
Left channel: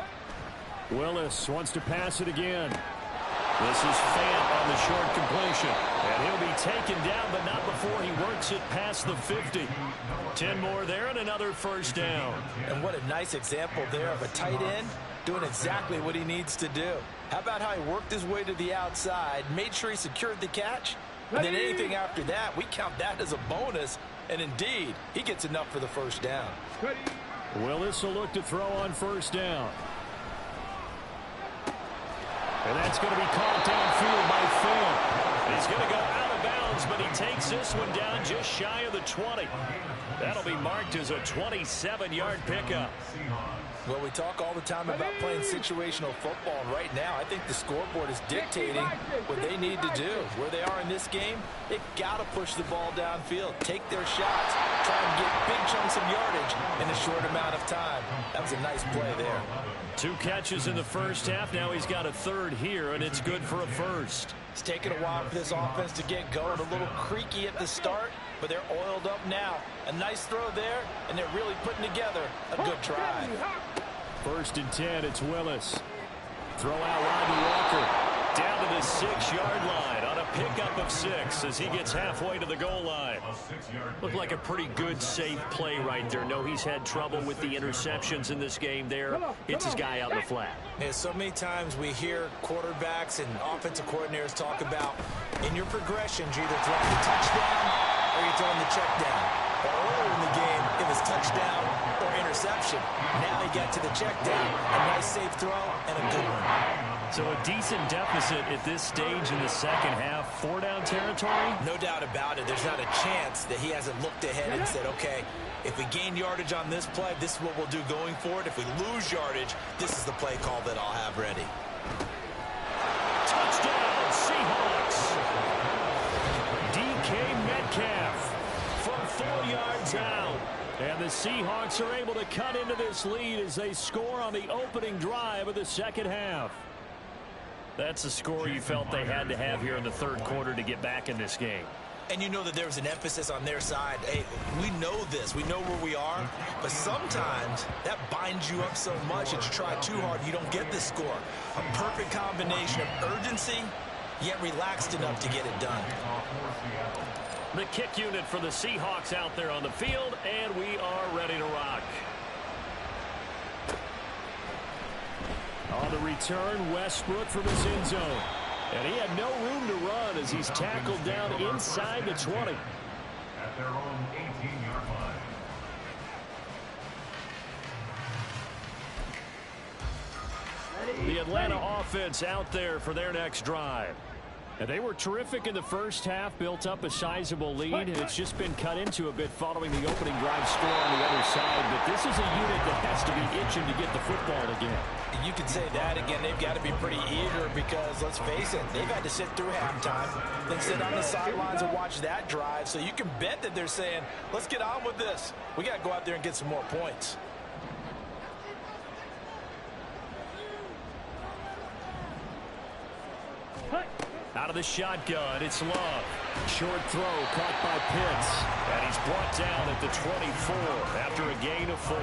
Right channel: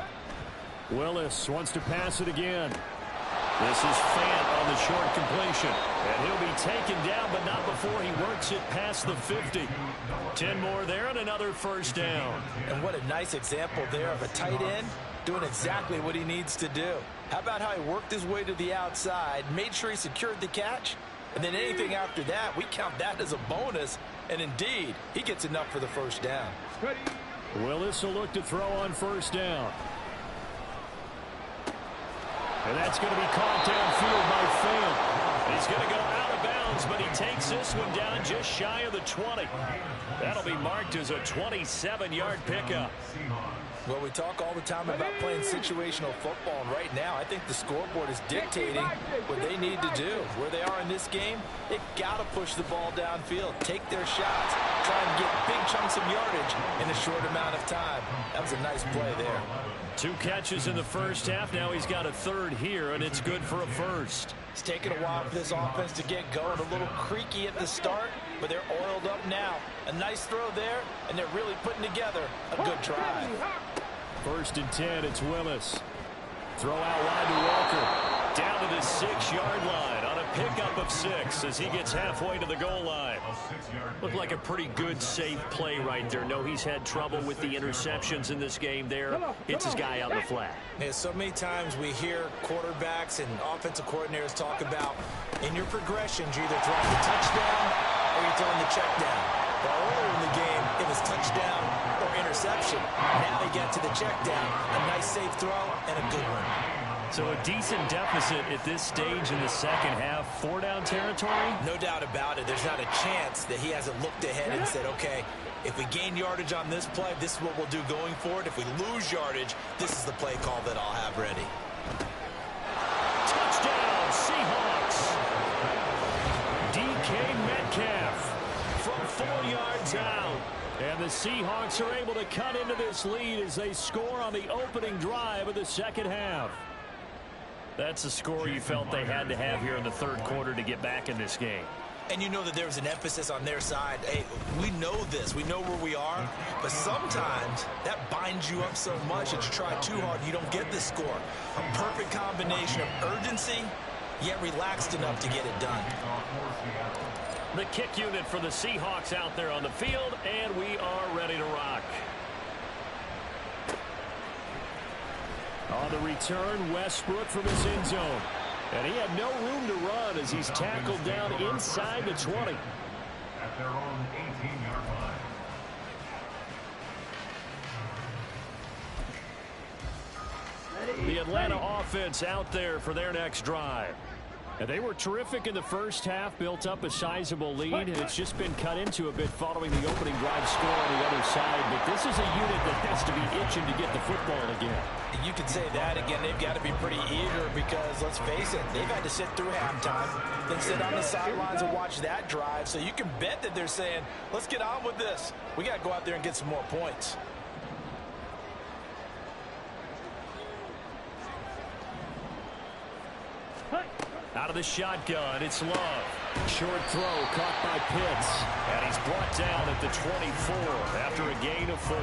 Willis wants to pass it again. This is Fant on the short completion. And he'll be taken down, but not before he works it past the 50. 10 more there and another first down. And what a nice example there of a tight end doing exactly what he needs to do. How about how he worked his way to the outside, made sure he secured the catch, and then anything after that, we count that as a bonus. And indeed, he gets enough for the first down. Willis will look to throw on first down. And that's going to be caught downfield by Fant. He's going to go out of bounds, but he takes this one down just shy of the 20. That'll be marked as a 27-yard pickup. Well, we talk all the time about playing situational football, and right now I think the scoreboard is dictating what they need to do. Where they are in this game, they've got to push the ball downfield, take their shots, try and get big chunks of yardage in a short amount of time. That was a nice play there. 2 catches in the first half. Now he's got a third here, and it's good for a first. It's taken a while for this offense to get going. A little creaky at the start, but they're oiled up now. A nice throw there, and they're really putting together a good drive. 1st and 10, it's Willis. Throw out wide to Walker. Down to the 6-yard line on a pickup of 6 as he gets halfway to the goal line. Looked like a pretty good, safe play right there. No, he's had trouble with the interceptions in this game there. Hits his guy out in the flat. Yeah, so many times we hear quarterbacks and offensive coordinators talk about in your progressions, you're either throwing the touchdown or you're throwing the check down. Well, earlier in the game, it was touchdown or interception. Now he got to the check down. A nice safe throw and a good one. So a decent deficit at this stage in the second half. 4-down territory? No doubt about it. There's not a chance that he hasn't looked ahead and said, okay, if we gain yardage on this play, this is what we'll do going forward. If we lose yardage, this is the play call that I'll have ready. Touchdown, Seahawks. DK Metcalf from 4 yards out. And the Seahawks are able to cut into this lead as they score on the opening drive of the second half. That's a score you felt they had to have here in the third quarter to get back in this game. And you know that there was an emphasis on their side. Hey, we know this. We know where we are. But sometimes that binds you up so much that you try too hard, you don't get the score. A perfect combination of urgency, yet relaxed enough to get it done. The kick unit for the Seahawks out there on the field, and we are ready to rock. On the return, Westbrook from his end zone. And he had no room to run as he's tackled down inside the 20. At their own 18-yard line. The Atlanta offense out there for their next drive. And they were terrific in the first half, built up a sizable lead, and it's just been cut into a bit following the opening drive score on the other side. But this is a unit that has to be itching to get the football again. You could say that again. They've got to be pretty eager because, let's face it, they've had to sit through halftime, then sit on the sidelines and watch that drive. So you can bet that they're saying, let's get on with this. We got to go out there and get some more points. Out of the shotgun, it's Love. Short throw caught by Pitts. And he's brought down at the 24 after a gain of 4.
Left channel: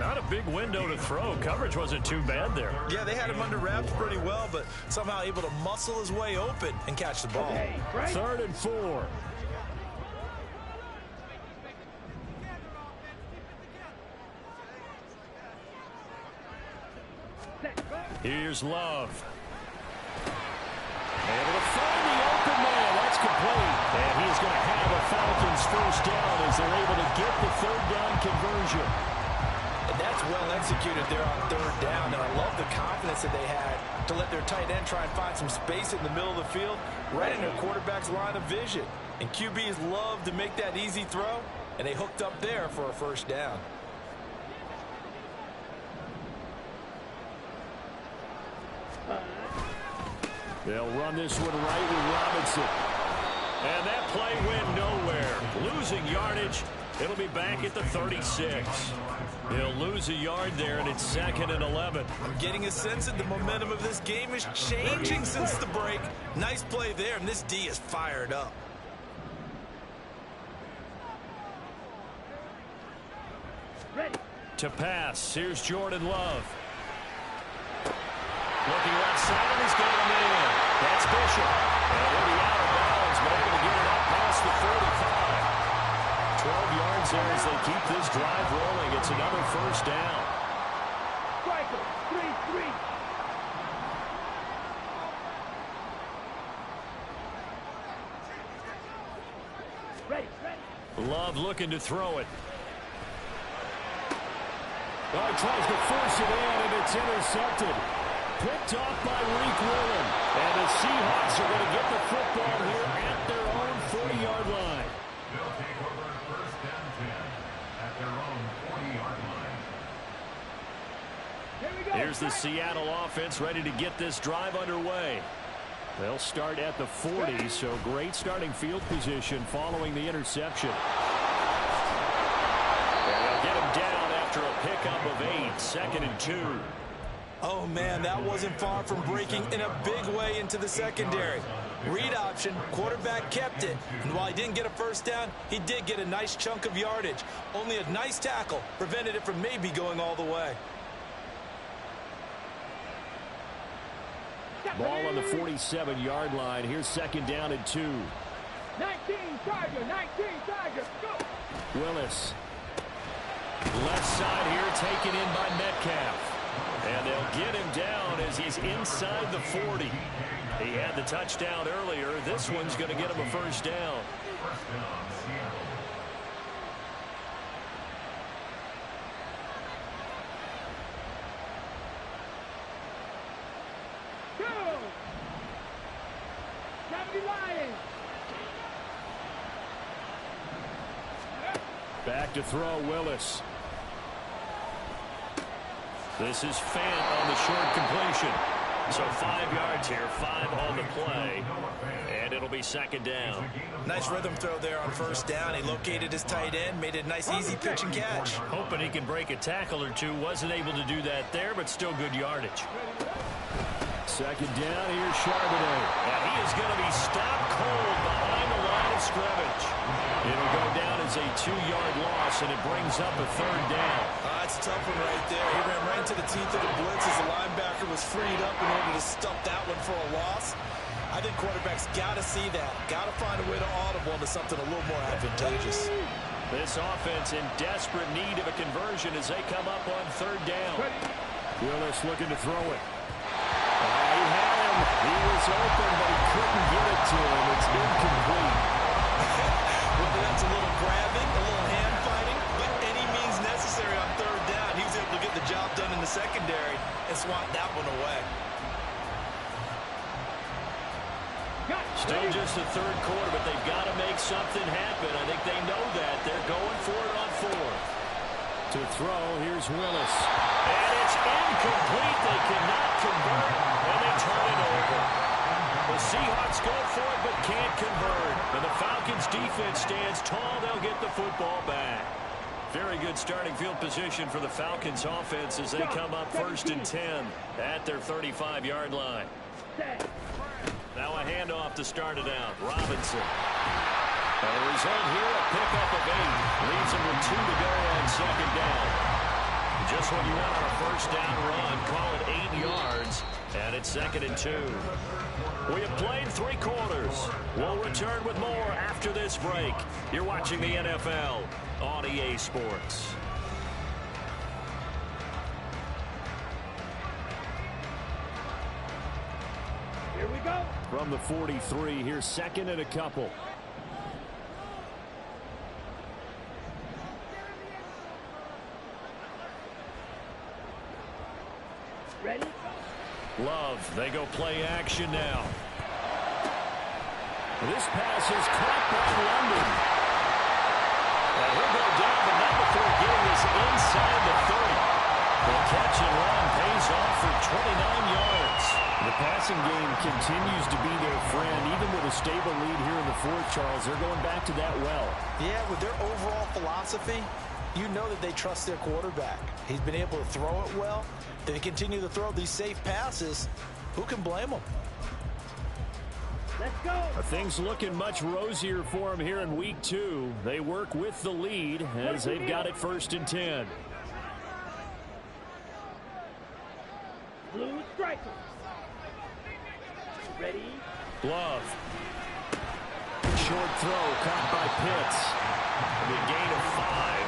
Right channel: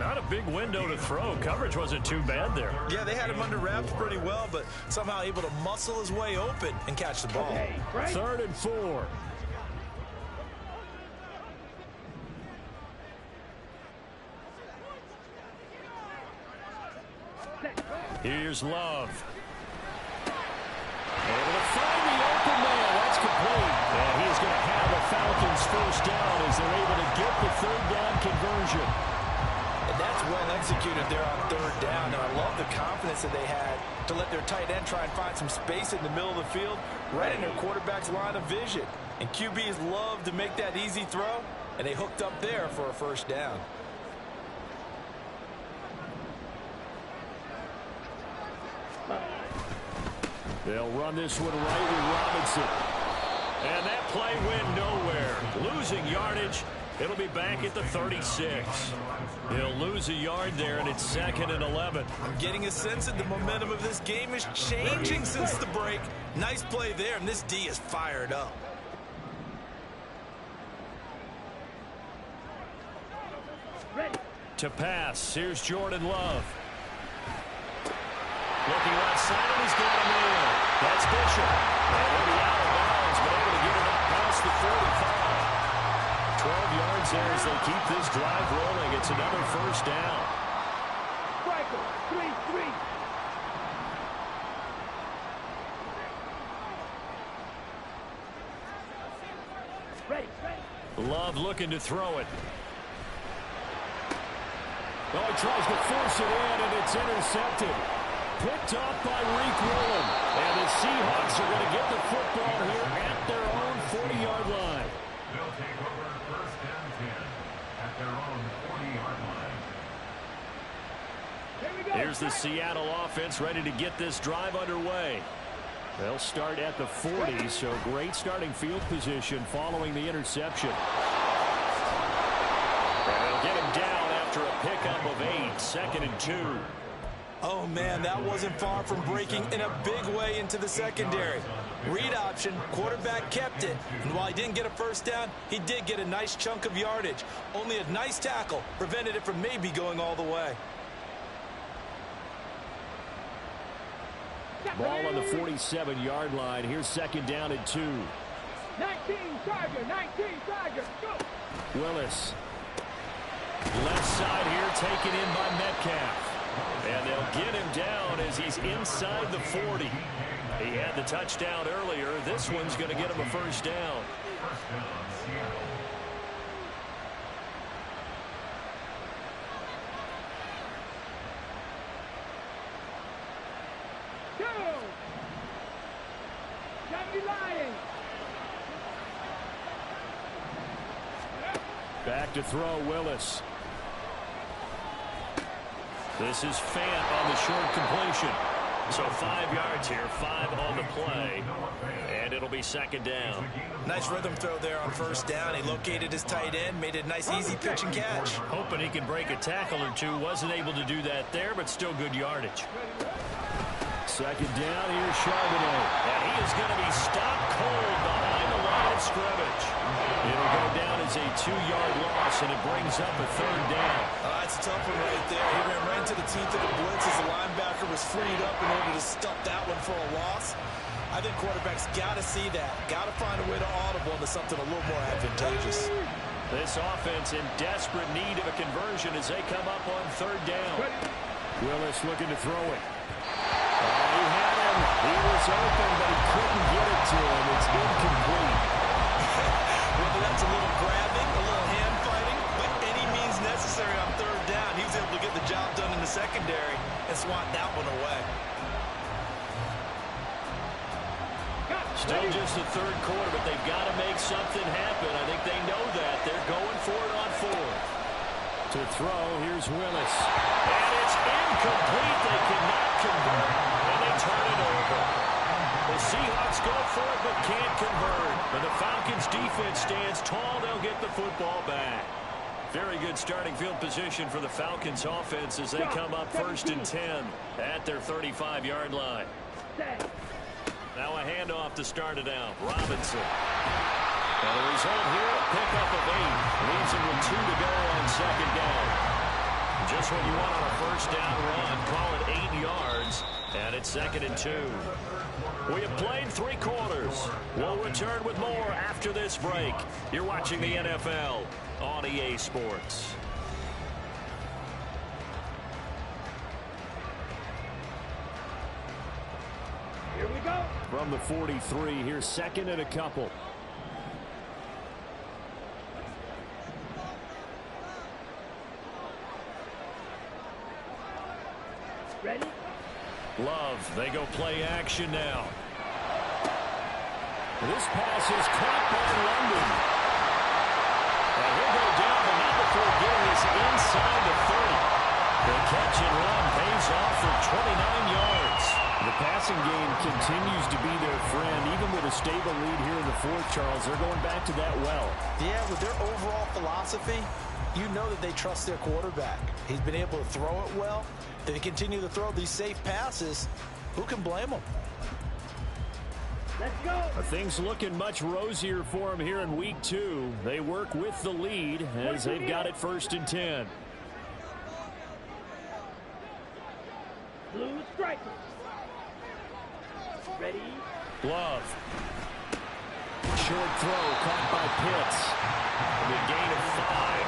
Not a big window to throw. Coverage wasn't too bad there. Yeah, they had him under wraps pretty well, but somehow able to muscle his way open and catch the ball. 3rd and 4. Here's Love. Able to find the open man. That's complete. And he is going to have a Falcons first down as they're able to get the third down conversion. And that's well executed there on third down. And I love the confidence that they had to let their tight end try and find some space in the middle of the field, right in their quarterback's line of vision. And QBs love to make that easy throw, and they hooked up there for a first down. They'll run this one right with Robinson. And that play went nowhere. Losing yardage, It'll be back at the 36. He'll lose a yard there, and it's 2nd and 11. I'm getting a sense that the momentum of this game is changing since the break. Nice play there, and this D is fired up. Ready. To pass, here's Jordan Love. Looking left side, and he's got him in. That's Bishop. And he'll be out of bounds, but able to get it up past the 45. 12 yards there as they keep this drive rolling. It's another first down. Striker, 3-3. Ready. Love looking to throw it. Oh, he tries to force it in, and it's intercepted. Picked off by Reek Woolen. And the Seahawks are going to get the football here at their own 40-yard line. They'll take over first down 10 at their own 40-yard line. Here we go. Here's the Seattle offense ready to get this drive underway. They'll start at the 40, so great starting field position following the interception. And they'll get him down after a pickup of 8, 2nd and 2. Oh, man, that wasn't far from breaking in a big way into the secondary. Read option, quarterback kept it. And while he didn't get a first down, he did get a nice chunk of yardage. Only a nice tackle prevented it from maybe going all the way. Ball on the 47-yard line. Here's 2nd down and 2. 19 Tiger, go. Willis. Left side here taken in by Metcalf. And they'll get him down as he's inside the 40. He had the touchdown earlier. This one's going to get him a first down. First down, Seattle. Go. Johnny Lions. Back to throw, Willis. This is Fant on the short completion. So 5 yards here, 5 on the play. And it'll be 2nd down. Nice rhythm throw there on first down. He located his tight end, made it a nice easy pitch and catch. Hoping he can break a tackle or two. Wasn't able to do that there, but still good yardage. 2nd down, here's Charbonnet. And he is going to be stopped cold behind the line of scrimmage. It'll go down as a 2-yard loss, and it brings up a 3rd down. That's a tough one right there. He ran right into the teeth of the blitz as the linebacker was freed up in order to stuff that one for a loss. I think quarterbacks got to see that. Got to find a way to audible into something a little more advantageous. This offense in desperate need of a conversion as they come up on 3rd down. Willis looking to throw it. He had him. He was open, but he couldn't get it to him. It's incomplete. Whether that's a little grabbing, a little hand fighting, but any means necessary on 3rd down, he was able to get the job done in the secondary and swat that one away. Still just the 3rd quarter, but they've got to make something happen. I think they know that. They're going for it on 4th. To throw, here's Willis. And it's incomplete. They cannot convert, and they turn it over. The Seahawks go for it, but can't convert. And the Falcons' defense stands tall. They'll get the football back. Very good starting field position for the Falcons' offense as they come up 1st and 10 at their 35-yard line. Now a handoff to start it out. Robinson. And the result here, a pickup of 8. Leaves him with 2 to go on 2nd down. Just what you want on a first down run. Call it 8 yards. And it's 2nd and 2. We have played 3 quarters. We'll return with more after this break. You're watching the NFL on EA Sports. Here we go. From the 43, here's 2nd and a couple. Ready? Love, they go play action now. This pass is caught by London. And he'll go down, but not before getting this inside the 30. The catch and run pays off for 29 yards. The passing game continues to be their friend. Even with a stable lead here in the fourth, Charles, they're going back to that well. Yeah, with their overall philosophy, you know that they trust their quarterback. He's been able to throw it well. They continue to throw these safe passes. Who can blame them? Let's go. Things looking much rosier for them here in week 2. They work with the lead as they've got it 1st and 10. Blue striker. Ready? Glove. Short throw caught by Pitts. The gain of 5,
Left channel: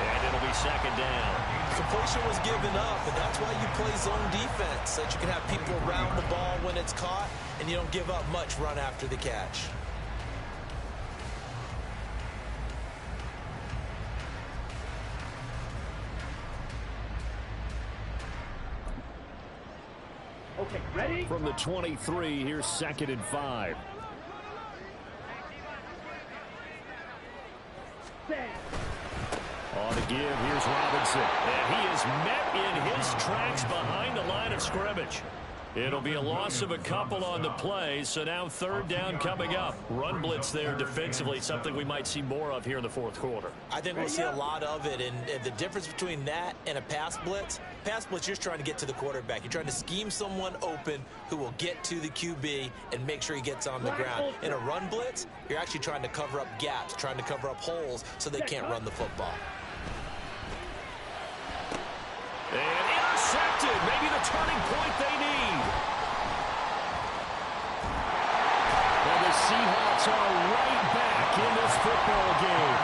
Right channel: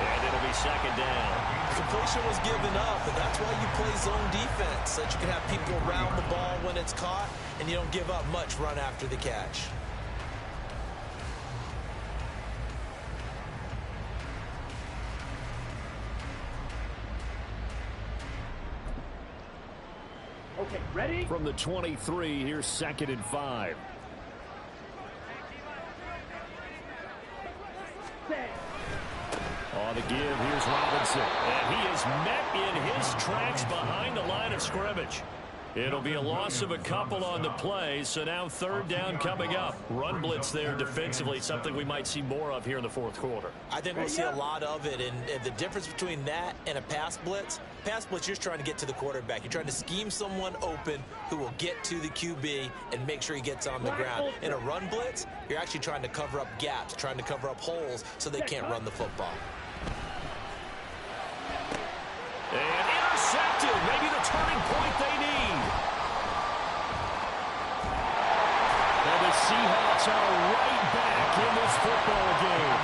and it'll be 2nd down. Completion was given up, and that's why you play zone defense, so that you can have people around the ball when it's caught, and you don't give up much run after the catch. Okay, ready? From the 23, here's 2nd and 5. Set. On the give, here's Robinson. And he is met in his tracks behind the line of scrimmage. It'll be a loss of a couple on the play, so now 3rd down coming up. Run blitz there defensively, something we might see more of here in the 4th quarter. I think we'll see a lot of it, and the difference between that and a pass blitz, you're just trying to get to the quarterback. You're trying to scheme someone open who will get to the QB and make sure he gets on the ground. In a run blitz, you're actually trying to cover up gaps, trying to cover up holes so they can't run the football. And intercepted, maybe the turning point they need. And the Seahawks are right back in this football game.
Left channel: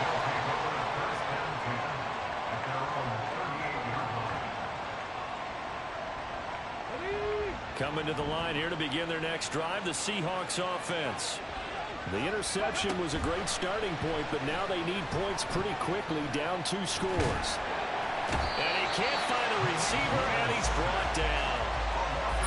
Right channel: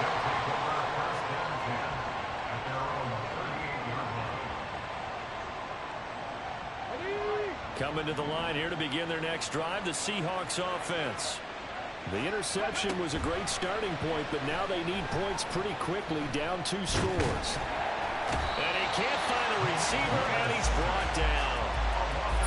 They'll take over 1st and 10 at their own 38-yard line. Coming to the line here to begin their next drive, the Seahawks offense. The interception was a great starting point, but now they need points pretty quickly, down 2 scores. And he can't find a receiver, and he's brought down.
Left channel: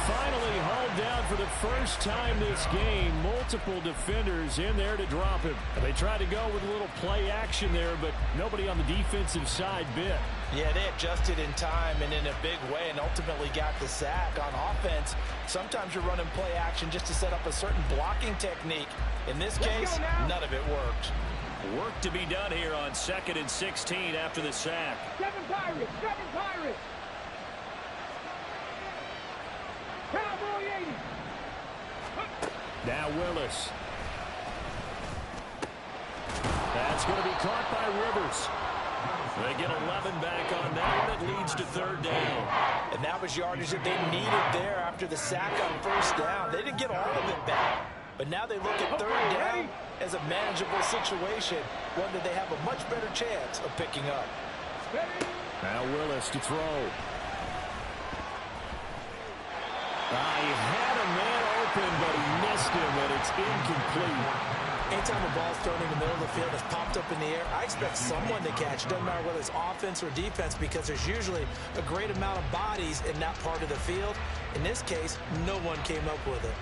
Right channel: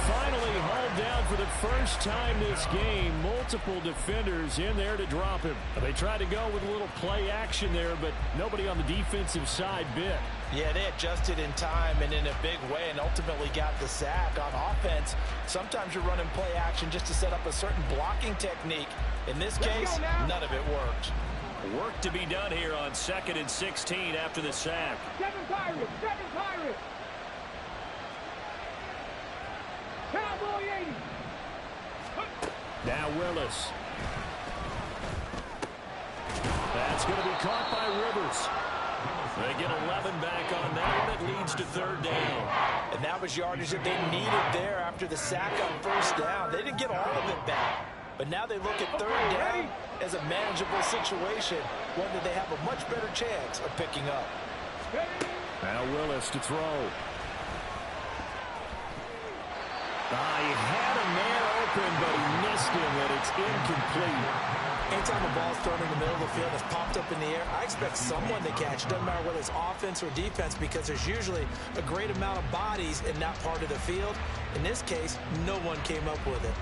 Finally hauled down for the first time this game. Multiple defenders in there to drop him. They tried to go with a little play action there, but nobody on the defensive side bit. Yeah, they adjusted in time and in a big way and ultimately got the sack. On offense, sometimes you're running play action just to set up a certain blocking technique. In this case, none of it worked. Work to be done here on 2nd and 16 after the sack. 7 Pirates, 7 Pirates. Cowboy 80. Now Willis. That's going to be caught by Rivers. They get 11 back on that one. It leads to 3rd down. And that was yardage that they needed there after the sack on 1st down. They didn't get all of it back. But now they look at 3rd down as a manageable situation, one that they have a much better chance of picking up. Now Willis to throw. He had a man open, but he missed him, and it's incomplete. Anytime a ball's thrown in the middle of the field that's popped up in the air, I expect someone to catch. Doesn't matter whether it's offense or defense, because there's usually a great amount of bodies in that part of the field. In this case, no one came up with it.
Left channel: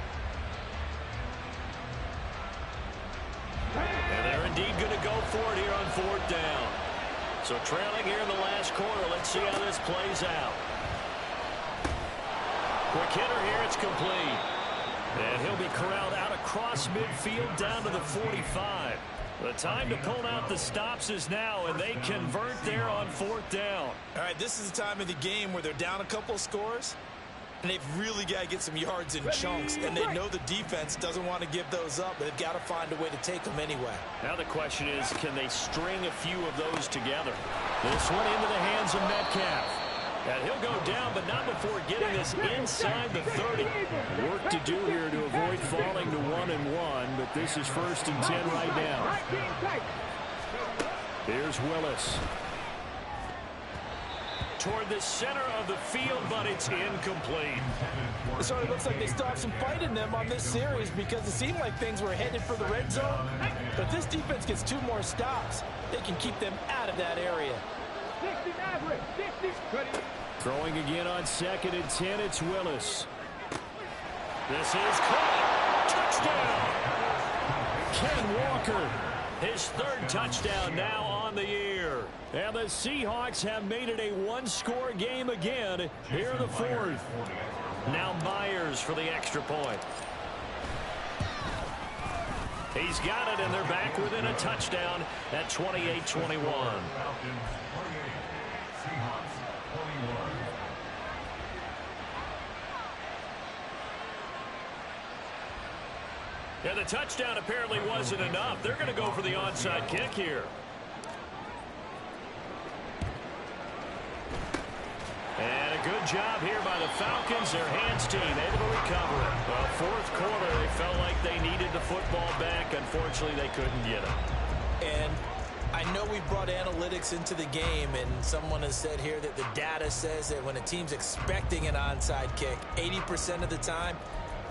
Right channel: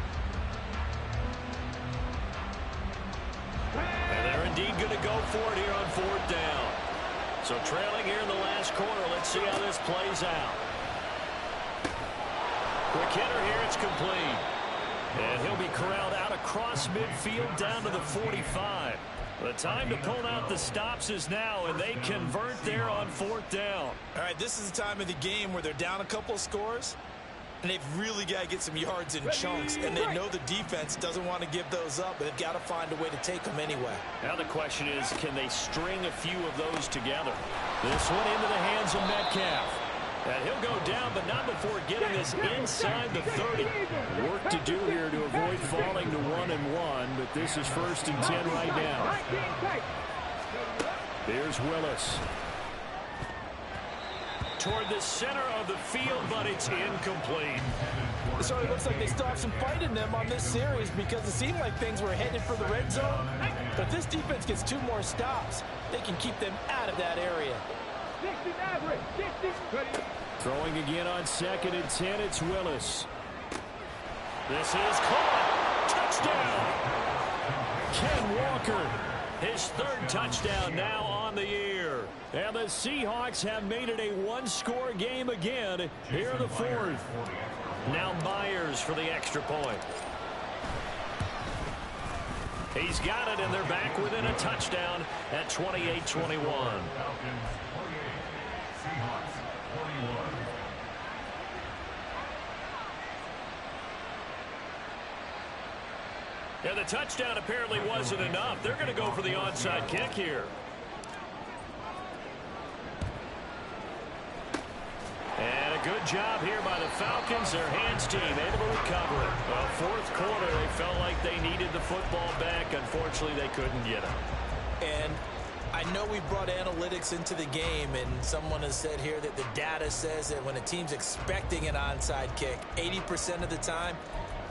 And they're indeed going to go for it here on 4th down. So trailing here in the last quarter, let's see how this plays out. Quick hitter here, it's complete. And he'll be corralled out across midfield down to the 45. The time to pull out the stops is now, and they convert there on 4th down. All right, this is the time of the game where they're down a couple of scores, and they've really got to get some yards in chunks, and they know the defense doesn't want to give those up, but they've got to find a way to take them anyway. Now the question is, can they string a few of those together? This one into the hands of Metcalf. And he'll go down, but not before getting this inside the 30. Work to do here to avoid falling to 1-1, but this is 1st and 10 right now. Here's Willis. Toward the center of the field, but it's incomplete. It certainly looks like they still have some fight in them on this series, because it seemed like things were headed for the red zone. But if this defense gets 2 more stops, they can keep them out of that area. 60 Maverick, 60. Throwing again on 2nd and 10, it's Willis. This is caught. Touchdown. Ken Walker His third touchdown now on the year. And the Seahawks have made it a one-score game again here in the fourth. Now Myers for the extra point. He's got it, and they're back within a touchdown at 28-21. Falcons 28, Seahawks 21. Yeah, the touchdown apparently wasn't enough. They're going to go for the onside kick here. And a good job here by the Falcons. Their hands team able to recover it. Well, fourth quarter, they felt like they needed the football back. Unfortunately, they couldn't get it. And I know we brought analytics into the game, and someone has said here that the data says that when a team's expecting an onside kick, 80% of the time,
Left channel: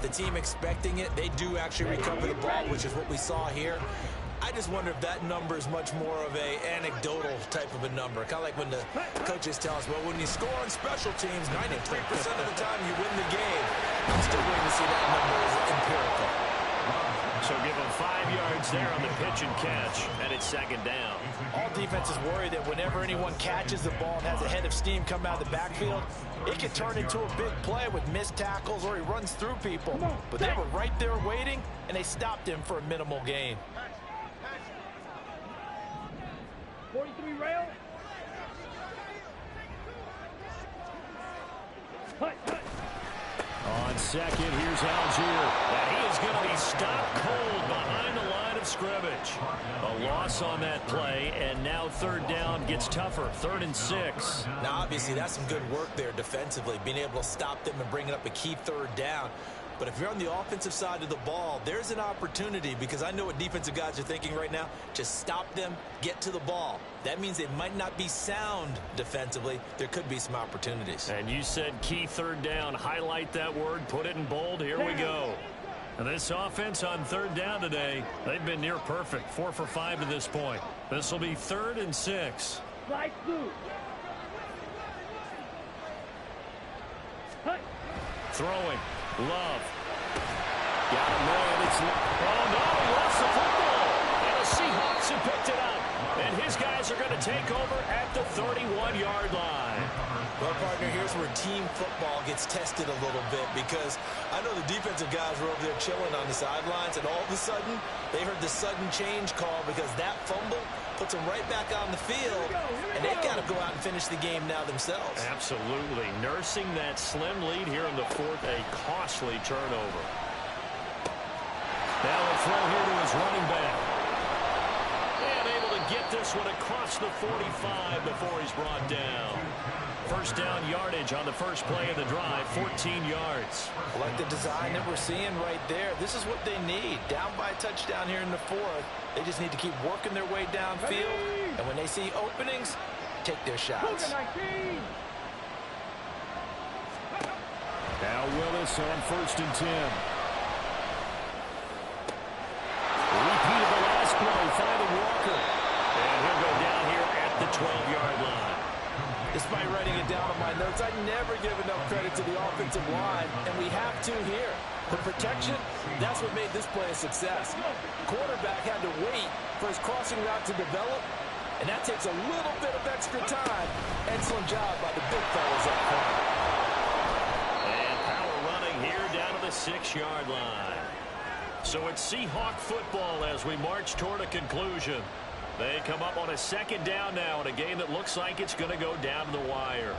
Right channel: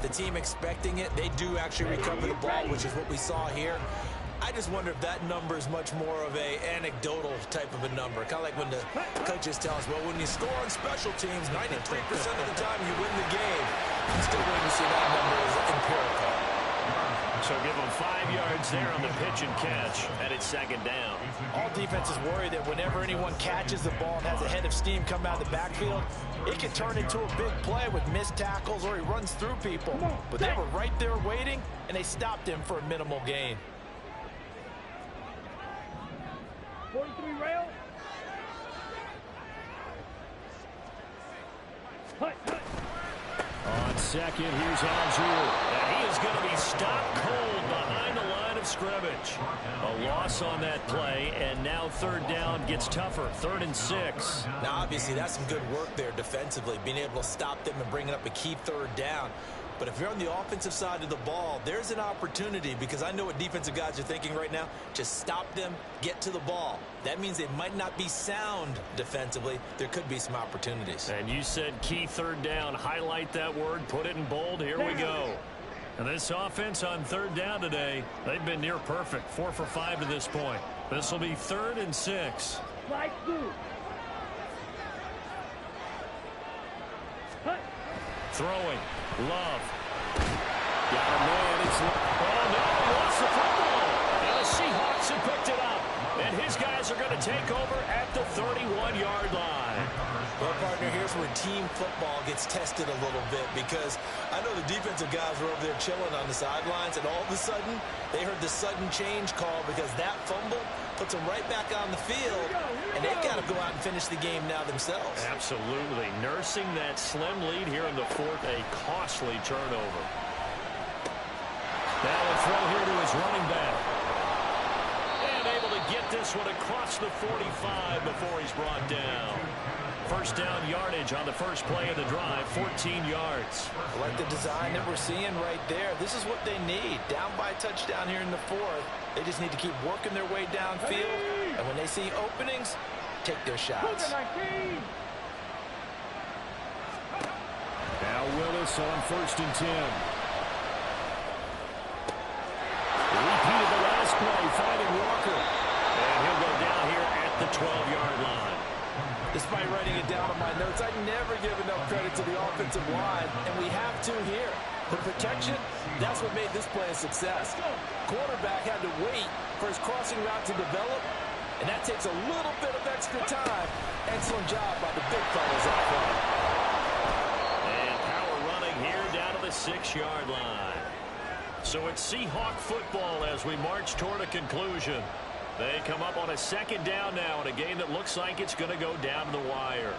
the team expecting it, they do actually recover the ball, which is what we saw here. I just wonder if that number is much more of a anecdotal type of a number. Kind of like when the coaches tell us, well, when you score on special teams, 93% of the time you win the game. I'm still waiting to see that number as empirical. So give them 5 yards there on the pitch and catch, and it's second down. All defenses worry that whenever anyone catches the ball and has a head of steam come out of the backfield, it can turn into a big play with missed tackles or he runs through people. But they were right there waiting, and they stopped him for a minimal gain. 43 rail. Hut, hut. On second, here's Algier. And he is going to be stopped cold behind the line of scrimmage. A loss on that play, and now third down gets tougher. 3rd and 6. Now, obviously, that's some good work there defensively, being able to stop them and bringing up a key third down. But if you're on the offensive side of the ball, there's an opportunity, because I know what defensive guys are thinking right now. Just stop them, get to the ball. That means they might not be sound defensively. There could be some opportunities. And you said key third down. Highlight that word, put it in bold. Here we go. And this offense on third down today, they've been near perfect. 4 for 5 to this point. This will be 3rd and 6. Slide through. Hut. Throwing. Love. Got a man. It's, oh, no, he lost the football. And the Seahawks have picked it up. And his guys are going to take over at the 31-yard line. Well, partner, here's where team football gets tested a little bit, because I know the defensive guys were over there chilling on the sidelines, and all of a sudden, they heard the sudden change call, because that fumble puts them right back on the field, and they've got to go out and finish the game now themselves. Absolutely. Nursing that slim lead here in the fourth, a costly turnover. Now a throw here to his running back. And able to get this one across the 45 before he's brought down. First down yardage on the first play of the drive, 14 yards. I like the design that we're seeing right there. This is what they need. Down by a touchdown here in the fourth. They just need to keep working their way downfield. And when they see openings, take their shots. Now Willis on 1st and 10. Repeat of the last play, finding Walker. And he'll go down here at the 12-yard line. Despite writing it down on my notes, I never give enough credit to the offensive line, and we have to here. The protection, that's what made this play a success. Quarterback had to wait for his crossing route to develop, and that takes a little bit of extra time. Excellent job by the big fellas up front. And power running here down to the 6-yard line. So it's Seahawk football as we march toward a conclusion. They come up on a second down now in a game that looks like it's going to go down to the wire.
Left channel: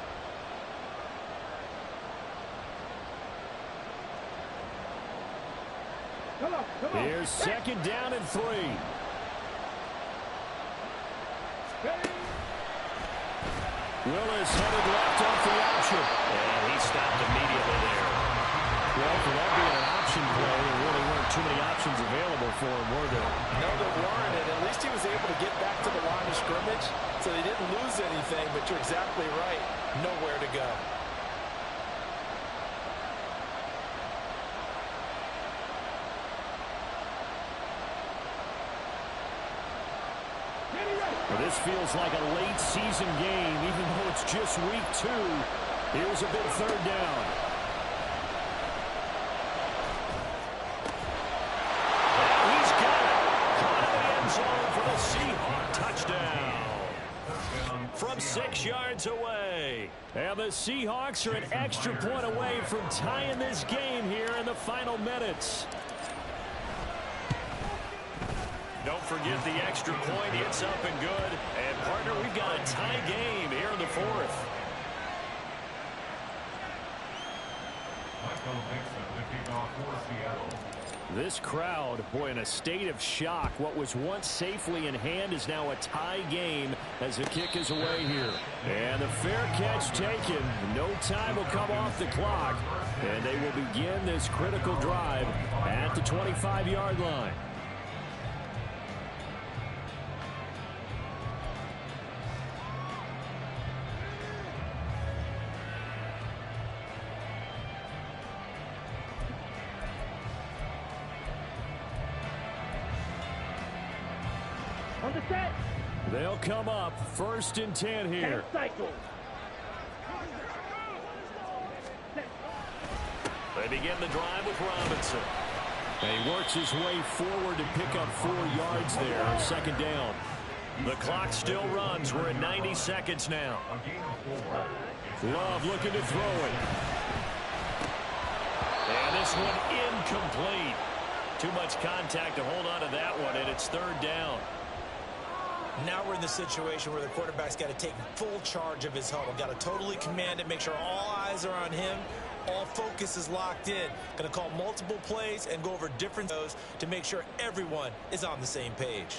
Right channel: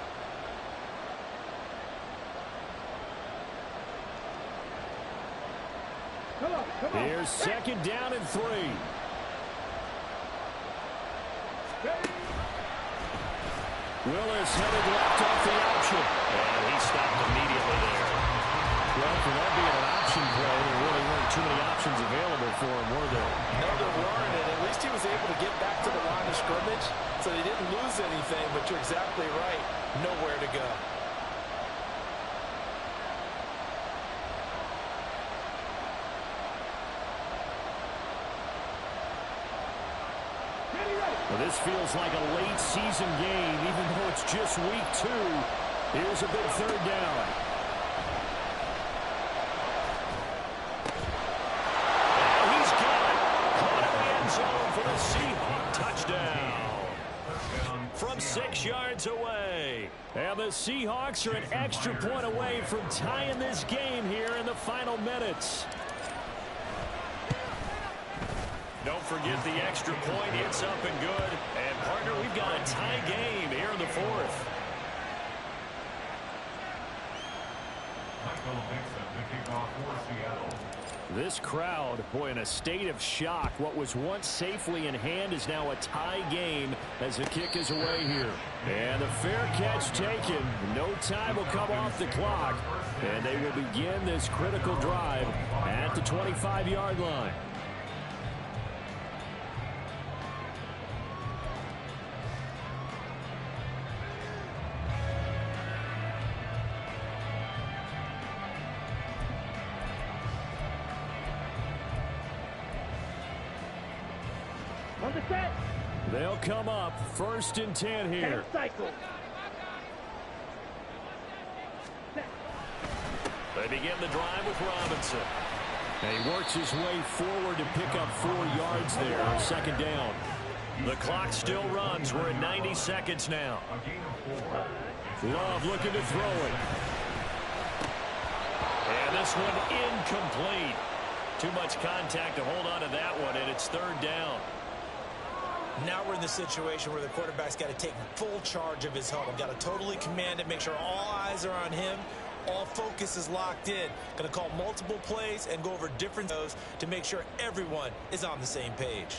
Come on. Here's second down and 3. Willis headed left off the option. And he stopped immediately there. Well, for that being an option play, there really weren't too many options available for him, were there? No, there weren't, and at least he was able to get back to the line of scrimmage, so they didn't lose anything, but you're exactly right. Nowhere to go. Well, this feels like a late season game, even though it's just week 2. Here's a big third down. Now he's got it. Caught in the end zone for Seahawk touchdown from 6 yards away. And the Seahawks are an extra point away from tying this game here in the final minutes. Don't forget the extra point. It's up and good. And, partner, we've got a tie game here in the fourth. Michael Dixon, the kickoff for Seattle. This crowd, boy, in a state of shock. What was once safely in hand is now a tie game as the kick is away here. And the fair catch taken. No time will come off the clock. And they will begin this critical drive at the 25-yard line. On the set. They'll come up 1st and 10 here. Cycle. They begin the drive with Robinson. And he works his way forward to pick up 4 yards there on 2nd down. The clock still runs. We're at 90 seconds now. Love looking to throw it. And this one incomplete. Too much contact to hold on to that one, and it's 3rd down. Now we're in the situation where the quarterback's got to take full charge of his huddle. Got to totally command it, make sure all eyes are on him. All focus is locked in. Going to call multiple plays and go over different those to make sure everyone is on the same page.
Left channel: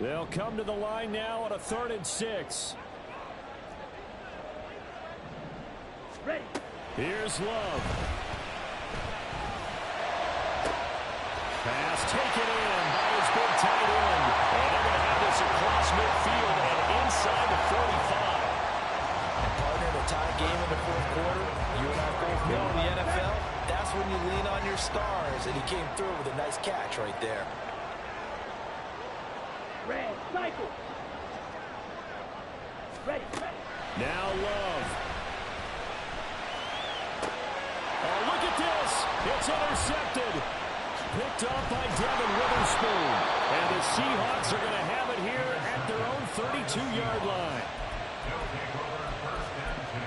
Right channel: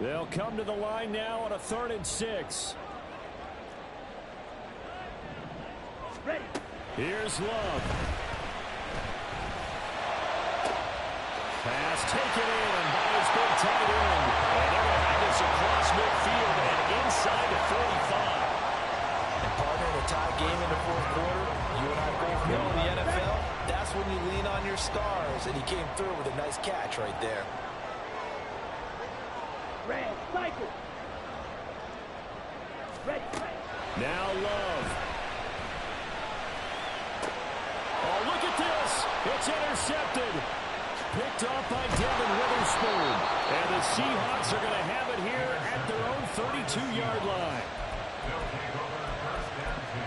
They'll come to the line now on a 3rd and 6. Ready. Here's Love. Pass taken in by his big tight end. And they're going to have this across midfield and inside the 45. And partner, in a tie game in the 4th quarter, you and I both know in the NFL, that's when you lean on your stars. And he came through with a nice catch right there. Red, cycle. Ready. Now Love. Oh, look at this. It's intercepted. Picked off by Devin Witherspoon. And the Seahawks are going to have it here at their own 32-yard line. They'll take over 1st and 10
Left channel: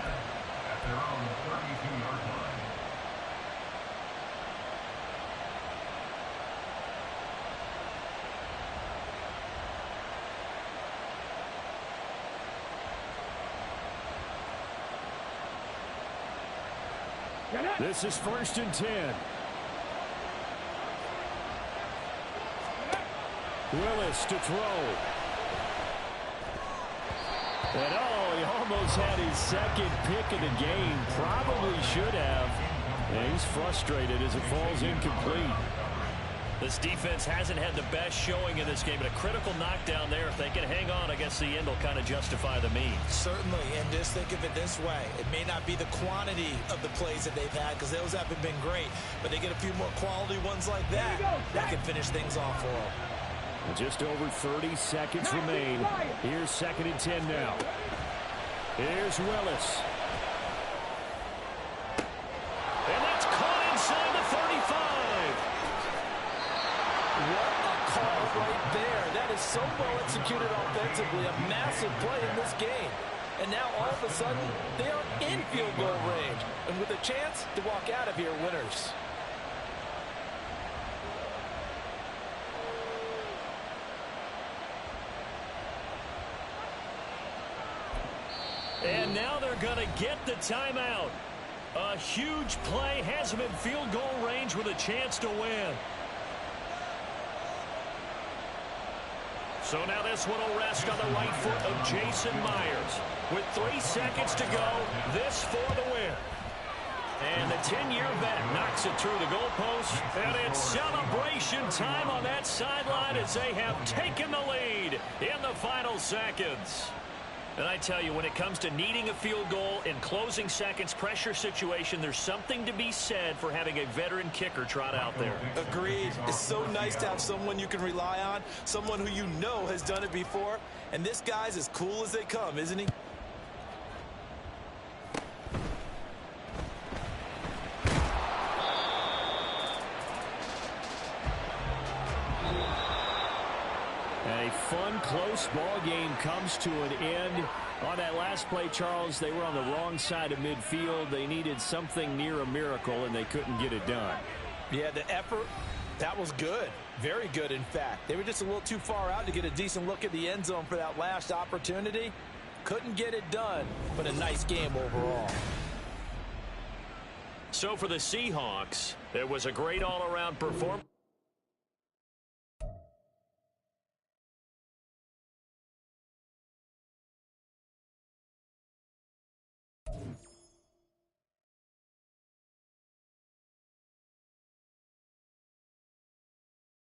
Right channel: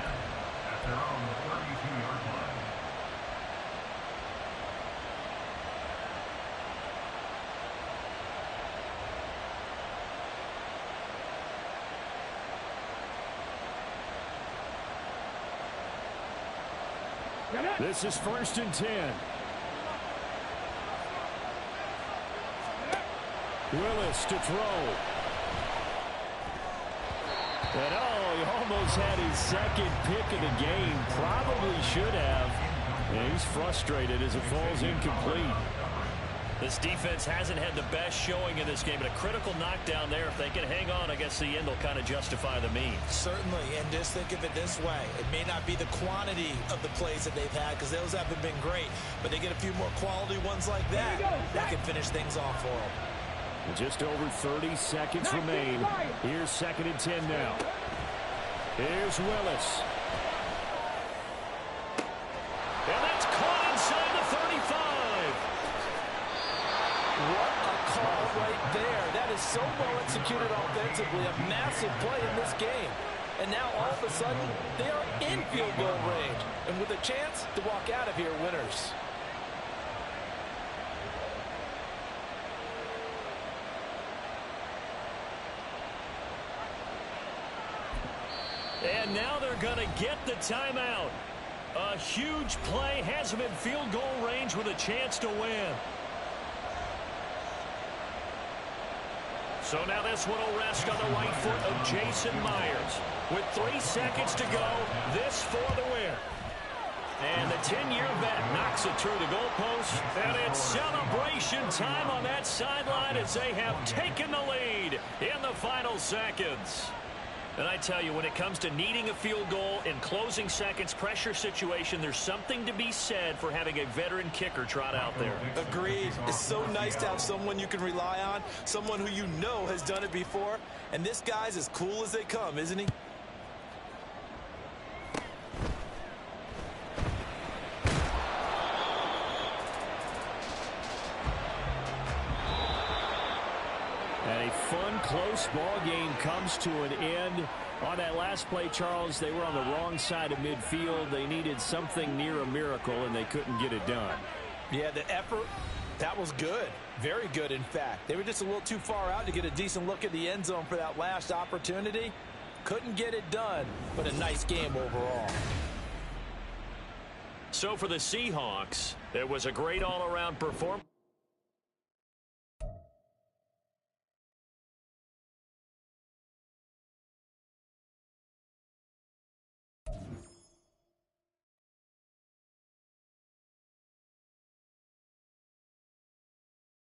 at their own 32-yard line. This is 1st and 10. Willis to throw. And oh, he almost had his 2nd pick of the game. Probably should have. And he's frustrated as it falls incomplete. This defense hasn't had the best showing in this game, but a critical knockdown there. If they can hang on, I guess the end will kind of justify the means. Certainly, and just think of it this way. It may not be the quantity of the plays that they've had because those haven't been great, but they get a few more quality ones like that. That can finish things off for them. And just over 30 seconds remain. Here's 2nd and 10 now. Here's Willis. And that's caught inside the 35. What a call right there. That is so well executed offensively. A massive play in this game. And now all of a sudden, they are in field goal range. And with a chance to walk out of here winners. And now they're going to get the timeout. A huge play has them in field goal range with a chance to win. So now this one will rest on the right foot of Jason Myers. With 3 seconds to go, this for the win. And the 10-year vet knocks it through the goalpost. And it's celebration time on that sideline as they have taken the lead in the final seconds. And I tell you, when it comes to needing a field goal in closing seconds, pressure situation, there's something to be said for having a veteran kicker trot out there. Agreed. It's so nice to have someone you can rely on, someone who you know has done it before. And this guy's as cool as they come, isn't he? And a fun, close ball game comes to an end. On that last play, Charles, they were on the wrong side of midfield. They needed something near a miracle, and they couldn't get it done. Yeah, the effort, that was good. Very good, in fact. They were just a little too far out to get a decent look at the end zone for that last opportunity. Couldn't get it done, but a nice game overall. So for the Seahawks, there was a great all-around performance.